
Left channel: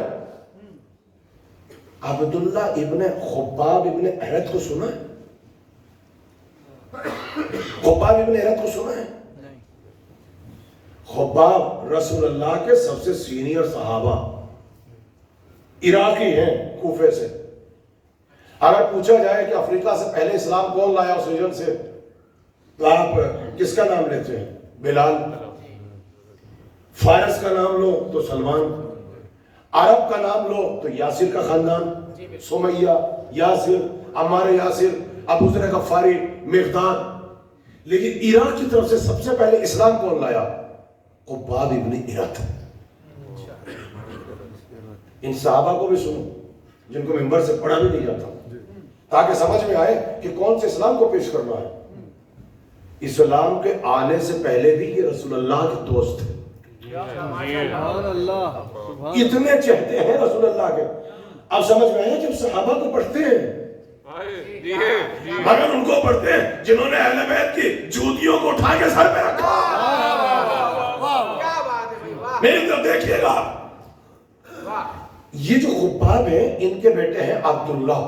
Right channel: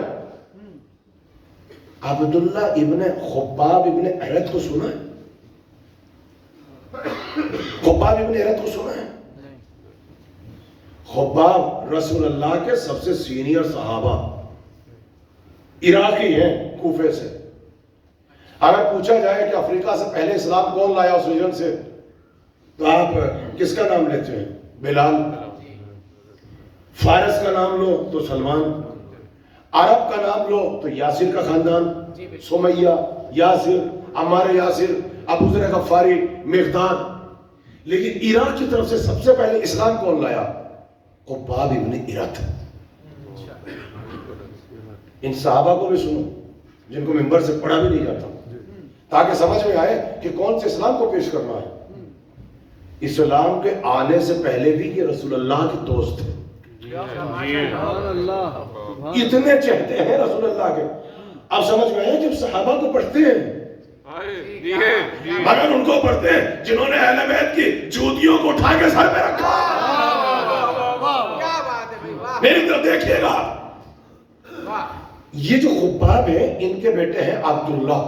عبداللہ ابن خباب ابن ارت کو سنا ہے؟ خباب ابن ارت کو سنا ہے؟ خباب رسول اللہ کے سب سے سینئر صحابہ، عراقی ہیں، کوفے سے. اگر پوچھا جائے کہ افریقہ سے پہلے اسلام کون لایا اس ریجن سے، تو آپ کس کا نام لیتے ہیں؟ بلال. فارس کا نام لو تو سلمان. عرب کا نام لو تو یاسر کا خاندان، سمیہ، یاسر، عمار یاسر، ابو ذر غفاری، مقداد. لیکن عراق کی طرف سے سب سے پہلے اسلام کون لایا؟ خباب ابن ارت. ان صحابہ کو بھی سنو جن کو ممبر سے پڑھا بھی نہیں جاتا، تاکہ سمجھ میں آئے کہ کون سے اسلام کو پیش کرنا ہے. اسلام کے آنے سے پہلے بھی یہ رسول اللہ کے دوست تھے. اتنے چہتے ہیں رسول اللہ کے. اب سمجھ میں آئے جب صحابہ کو پڑھتے ہیں، مگر ان کو پڑھتے ہیں جنہوں نے اہل بیت کی جوتیوں کو اٹھا کے سر پہ رکھا. میری طرف دیکھیے گا. یہ جو خباب ہیں ان کے بیٹے ہیں عبداللہ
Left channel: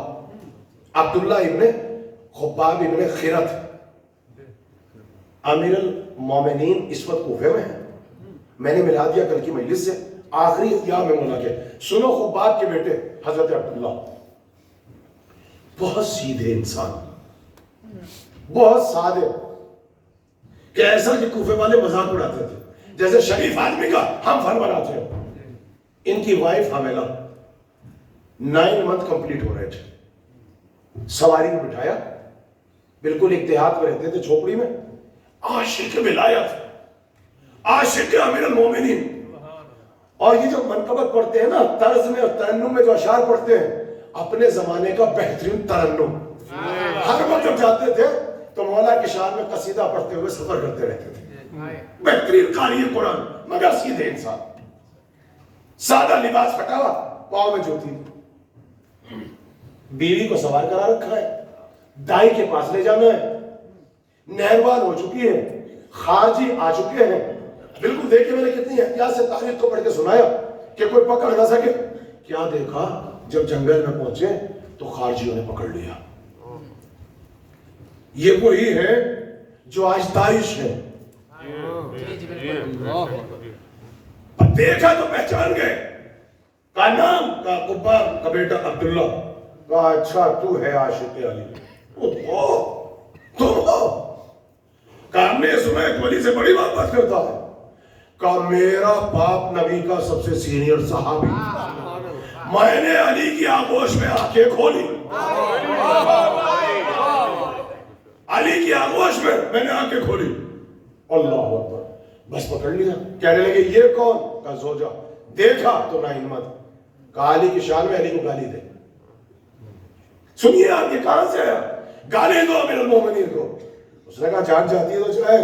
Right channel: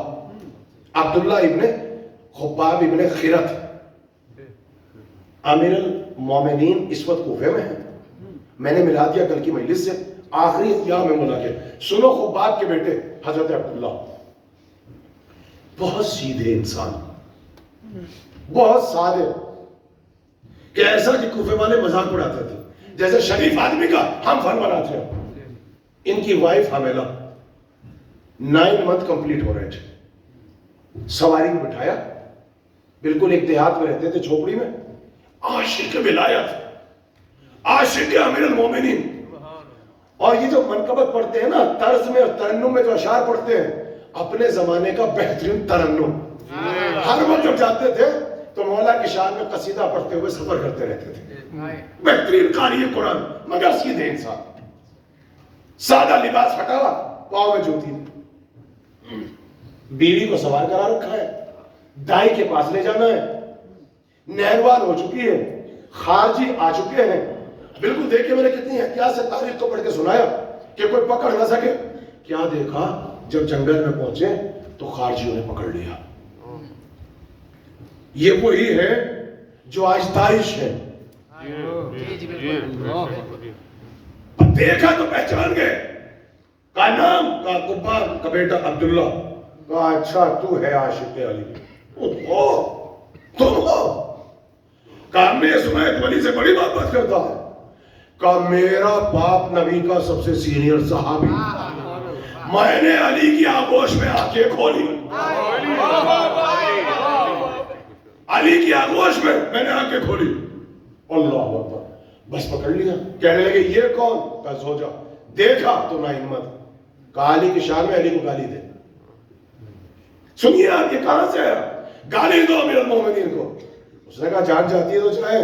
ابن خباب ابن خرت. امیر المومنین اس وقت کوفے میں ہیں. میں نے ملا دیا کل کی مجلس سے آخری اختیار میں ملا کے. سنو خباب کے بیٹے حضرت عبداللہ، بہت سیدھے انسان، بہت سادے، کہ ایسا کہ کوفے والے مذاق اڑاتے تھے جیسے شریف آدمی کا ہم فن بناتے ہیں. ان کی وائف حاملہ، 9 منتھ کمپلیٹ ہو رہے تھے. سواری میں بٹھایا، بالکل ایک دیہات میں رہتے تھے جھوپڑی میں. عاشق ولایت، عاشق امیر المومنین. اور یہ جو منقبت پڑھتے ہیں نا، طرز میں اور ترنم میں جو اشعار پڑھتے ہیں، اپنے زمانے کا بہترین ترنم. ہر وقت جب جاتے تھے تو مولا کی شان میں قصیدہ پڑھتے ہوئے سفر کرتے رہتے تھے. بہترین قاری قرآن، مگر سیدھے انسان. سادہ لباس ہٹا، پاؤں میں جوتی. بیوی کو سوار کرا رکھا ہے، دائی کے پاس لے جانا ہے. نہروان ہو چکی ہے، خارجی آ چکے ہیں. بالکل دیکھیں میں نے کتنی احتیاط سے تاریخ کو پڑھ کے سنایا کہ کوئی پکڑ نہ سکے. کیا دیکھا، جب جنگل میں پہنچے تو خارجیوں نے پکڑ لیا. یہ وہی ہے جو آج داعش ہے. دیکھا تو پہچان گئے. کا نام کا خباب کا بیٹا عبداللہ. کہا اچھا تو ہے عاشق علی. تم ہو؟ کہا میں سمیت ولی سے بڑی بات کرتا ہوں. کہا میرا باپ نبی کا سب سے سینئر صحابی. میں نے علی کی آغوش میں آنکھیں کھولی. علی کی آغوش میں نے آنکھیں کھولی. اللہ اکبر. بس پکڑ لیا. کہنے لگے یہ کون؟ کہا زوجہ. دیکھا تو نہ ہمت. کہا علی کی شان میں علی کو گالی دے. سنیے آپ یہ کہاں سے ہے؟ گالی دو امیر المومنین کو. اس نے کہا جان چاہتی ہے تو چاہے،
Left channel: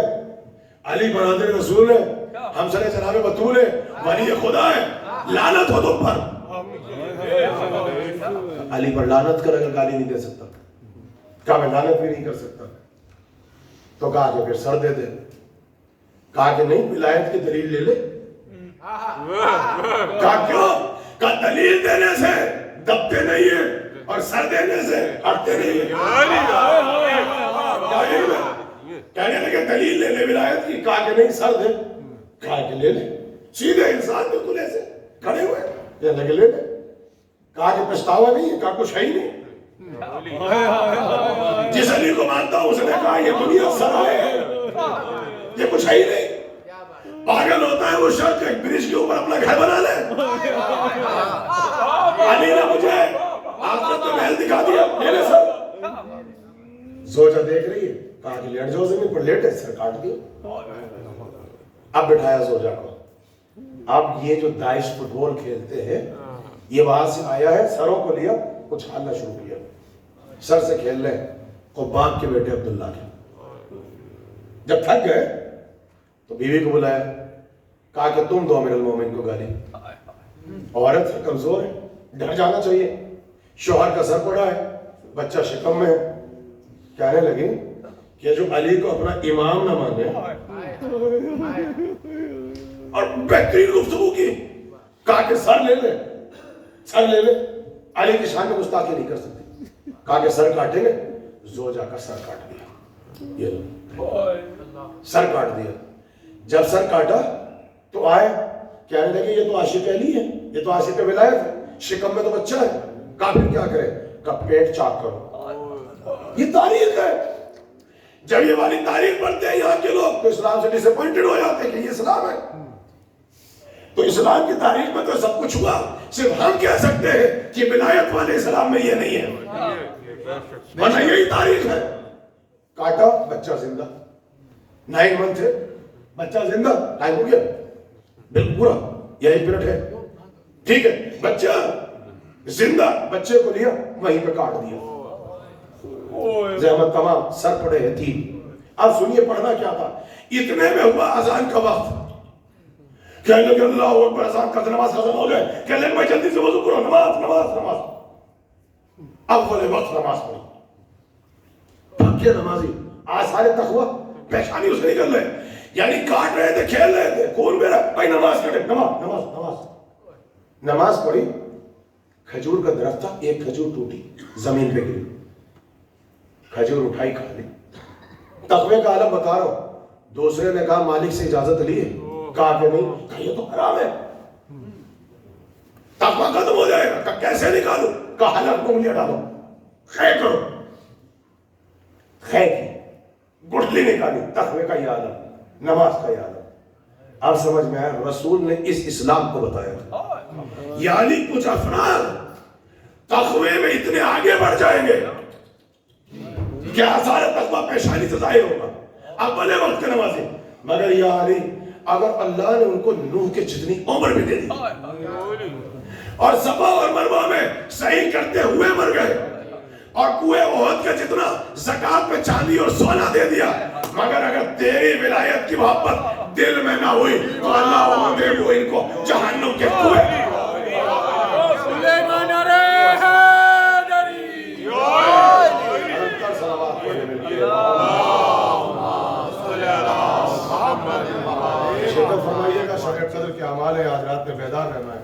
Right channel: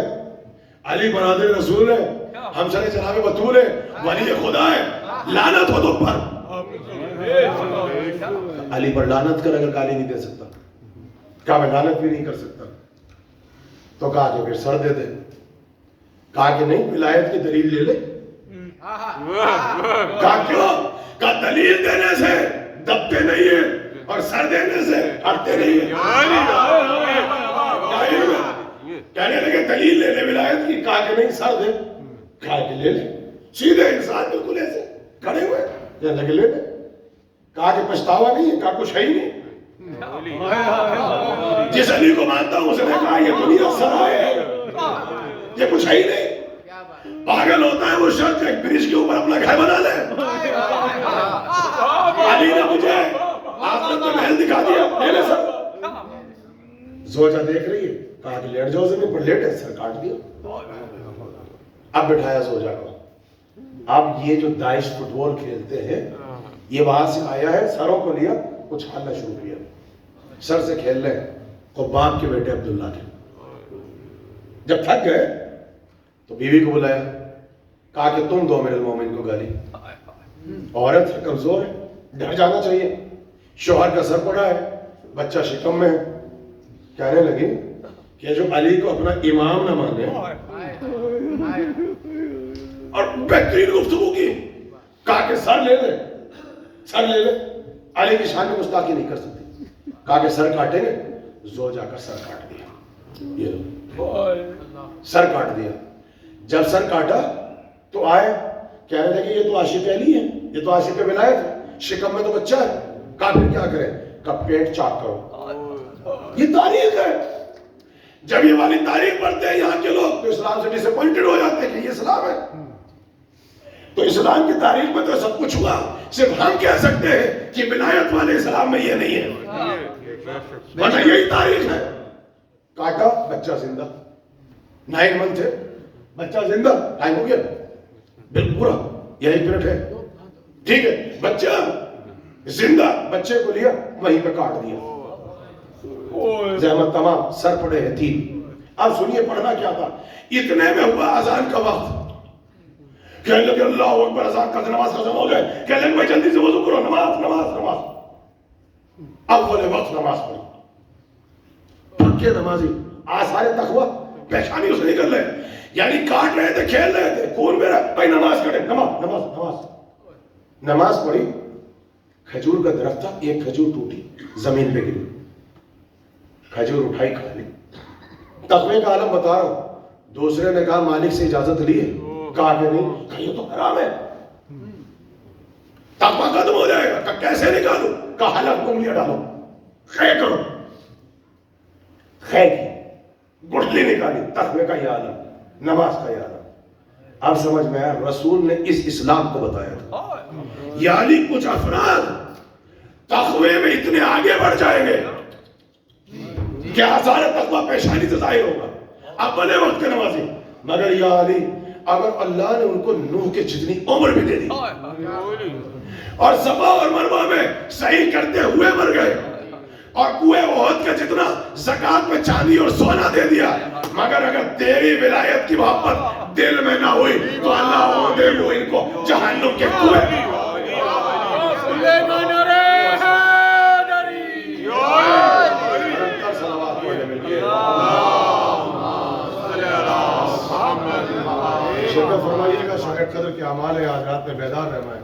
علی برادر رسول ہے، ہم سر چلا کے بطول ہے، ولی خدا ہے، لعنت ہو تم پر۔ علی پر لعنت کر، اگر گالی نہیں دے سکتا، کہا میں لعنت بھی نہیں کر سکتا، تو کہا کہ پھر سر دے دے۔ کہا کہ نہیں، ولایت کی دلیل لے لے۔ کہا کیوں؟ کہا دلیل دینے سے دبتے نہیں ہیں اور سر دینے سے ہٹتے نہیں ہیں۔ کہنے لگے دلیل لے لے ولایت کی، کہا کہ نہیں سر دے، کہا کہ لے لے۔ سیدھے انسان بالکل ایسے کھڑے ہوئے، کہنے لگے لے لے۔ کہا کہ پچھتاوا نہیں ہے، کہا کچھ ہے ہی نہیں۔ جس علی کو مانتا ہوں اس نے کہا یہ دنیا سرائے ہے، یہ کچھ ہے ہی نہیں۔ پاگل ہوتا ہے وہ شخص ایک برج کے اوپر اپنا گھر بنا لے۔ علی نے مجھے آخرت میں محل دکھا دیا، میرے سر۔ زوجہ دیکھ رہی ہے، کہا کہ لیٹ جاؤ زمین پر، لیٹ ہے، سر کاٹ دیا۔ اب بٹھایا زوجہ کو۔ اب یہ جو داعش فٹ بال کھیلتے ہیں، یہ وہاں سے آیا ہے، سروں کو لیا، کچھ کھانا شروع کیا، سر سے کھیل رہے ہیں، خباب کے بیٹے عبداللہ کے۔ جب تھک گئے تو بیوی کو بلایا، کہا کہ تم دو امیر المومنین کو گالی، عورت ہے، کمزور ہے، ڈر جانا چاہیے، شوہر کا سر پڑا ہے، بچہ شکم میں ہے۔ کہنے لگی کہ جو علی کو اپنا امام نہ مانے، اور بہترین گفتگو کی، کہا کہ سر لے لے، سر لے لے، علی کی شان میں گستاخی نہیں کر سکتی۔ کہا کہ سر کاٹیں گے، زوجہ کا سر کاٹ دیا، یہ لو سر کاٹ دیا۔ جب سر کاٹا تو آئے، کہنے لگے یہ تو عاشق علی ہے، یہ تو عاشق ولایت ہے، شکم میں تو بچہ ہے۔ کہا پھر کیا کرے؟ کہا پیٹ چاک کرو۔ یہ تاریخ ہے۔ جب یہ والی تاریخ پڑھتے ہیں یہاں کے لوگ تو اسلام سے ڈس اپوائنٹڈ ہو جاتے ہیں کہ یہ اسلام ہے۔ تو اسلام کی تاریخ میں تو سب کچھ ہوا، صرف ہم کہہ سکتے ہیں کہ ولایت والے اسلام میں یہ نہیں ہے، ورنہ یہی تاریخ ہے۔ کاٹا، بچہ زندہ، 9 منتھ ہے، بچہ زندہ، ٹائم ہو گیا، بالکل پورا، یہی پیٹ ہے، ٹھیک ہے، بچہ زندہ، بچے کو لیا، وہیں پہ کاٹ دیا، زحمت تمام، سر پڑے ہیں تین۔ اب سنیے پڑھنا کیا تھا، اتنے میں ہوا اذان کا وقت۔ کہنے لگے اللہ اکبر، اذان کا نماز ختم ہو جائے، کہنے لگے بھائی جلدی سے وضو کرو، نماز نماز نماز۔ اب بولے وقت نماز پڑھی، پکے نمازی، آثار تقویٰ پیشانی اسے نہیں کر لے، یعنی کاٹ رہے تھے، کھیل رہے تھے، خون میرا، بھائی نماز پڑھے، نماز نماز نماز نماز پڑھی۔ کھجور کا درخت تھا، ایک کھجور ٹوٹی، زمین پہ گری، کھجور اٹھائی کھا لی۔ تقوی کا عالم بتا رہا ہوں۔ دوسرے نے کہا مالک سے اجازت لی ہے؟ کہا کہ نہیں، کہا یہ تو حرام ہے، تقوی ختم ہو جائے گا۔ کہا کیسے نکالوں؟ کہا حلق میں انگلیاں ڈالو، خے کرو، خے کی گٹھلی نکالی۔ تقوی کا یہ عالم، نماز کا یہ عالم۔ اب سمجھ میں آیا، رسول نے اس اسلام کو بتایا تھا، یعنی کچھ افراد تقوی میں اتنے آگے بڑھ جائیں گے کیا سارا تقوی پیشانی سے ظاہر ہوگا۔ اب بھلے وقت کے نمازی، مگر یا علی، اگر اللہ نے ان کو نوح کے جتنی عمر بھی دے دی اور صفا اور مروہ میں صحیح کرتے ہوئے مر گئے اور کوہ احد کا جتنا زکات میں چاندی اور سونا دے دیا، مگر اگر تیری ولایت کی محبت دل میں نہ ہوئی تو اللہ وہاں دے وہ ان کو جہنم کے کنویں۔ شکر فرمائیے گا، شکر قدر کے اعمال ہے، آج رات میں بیدار رہنا ہے۔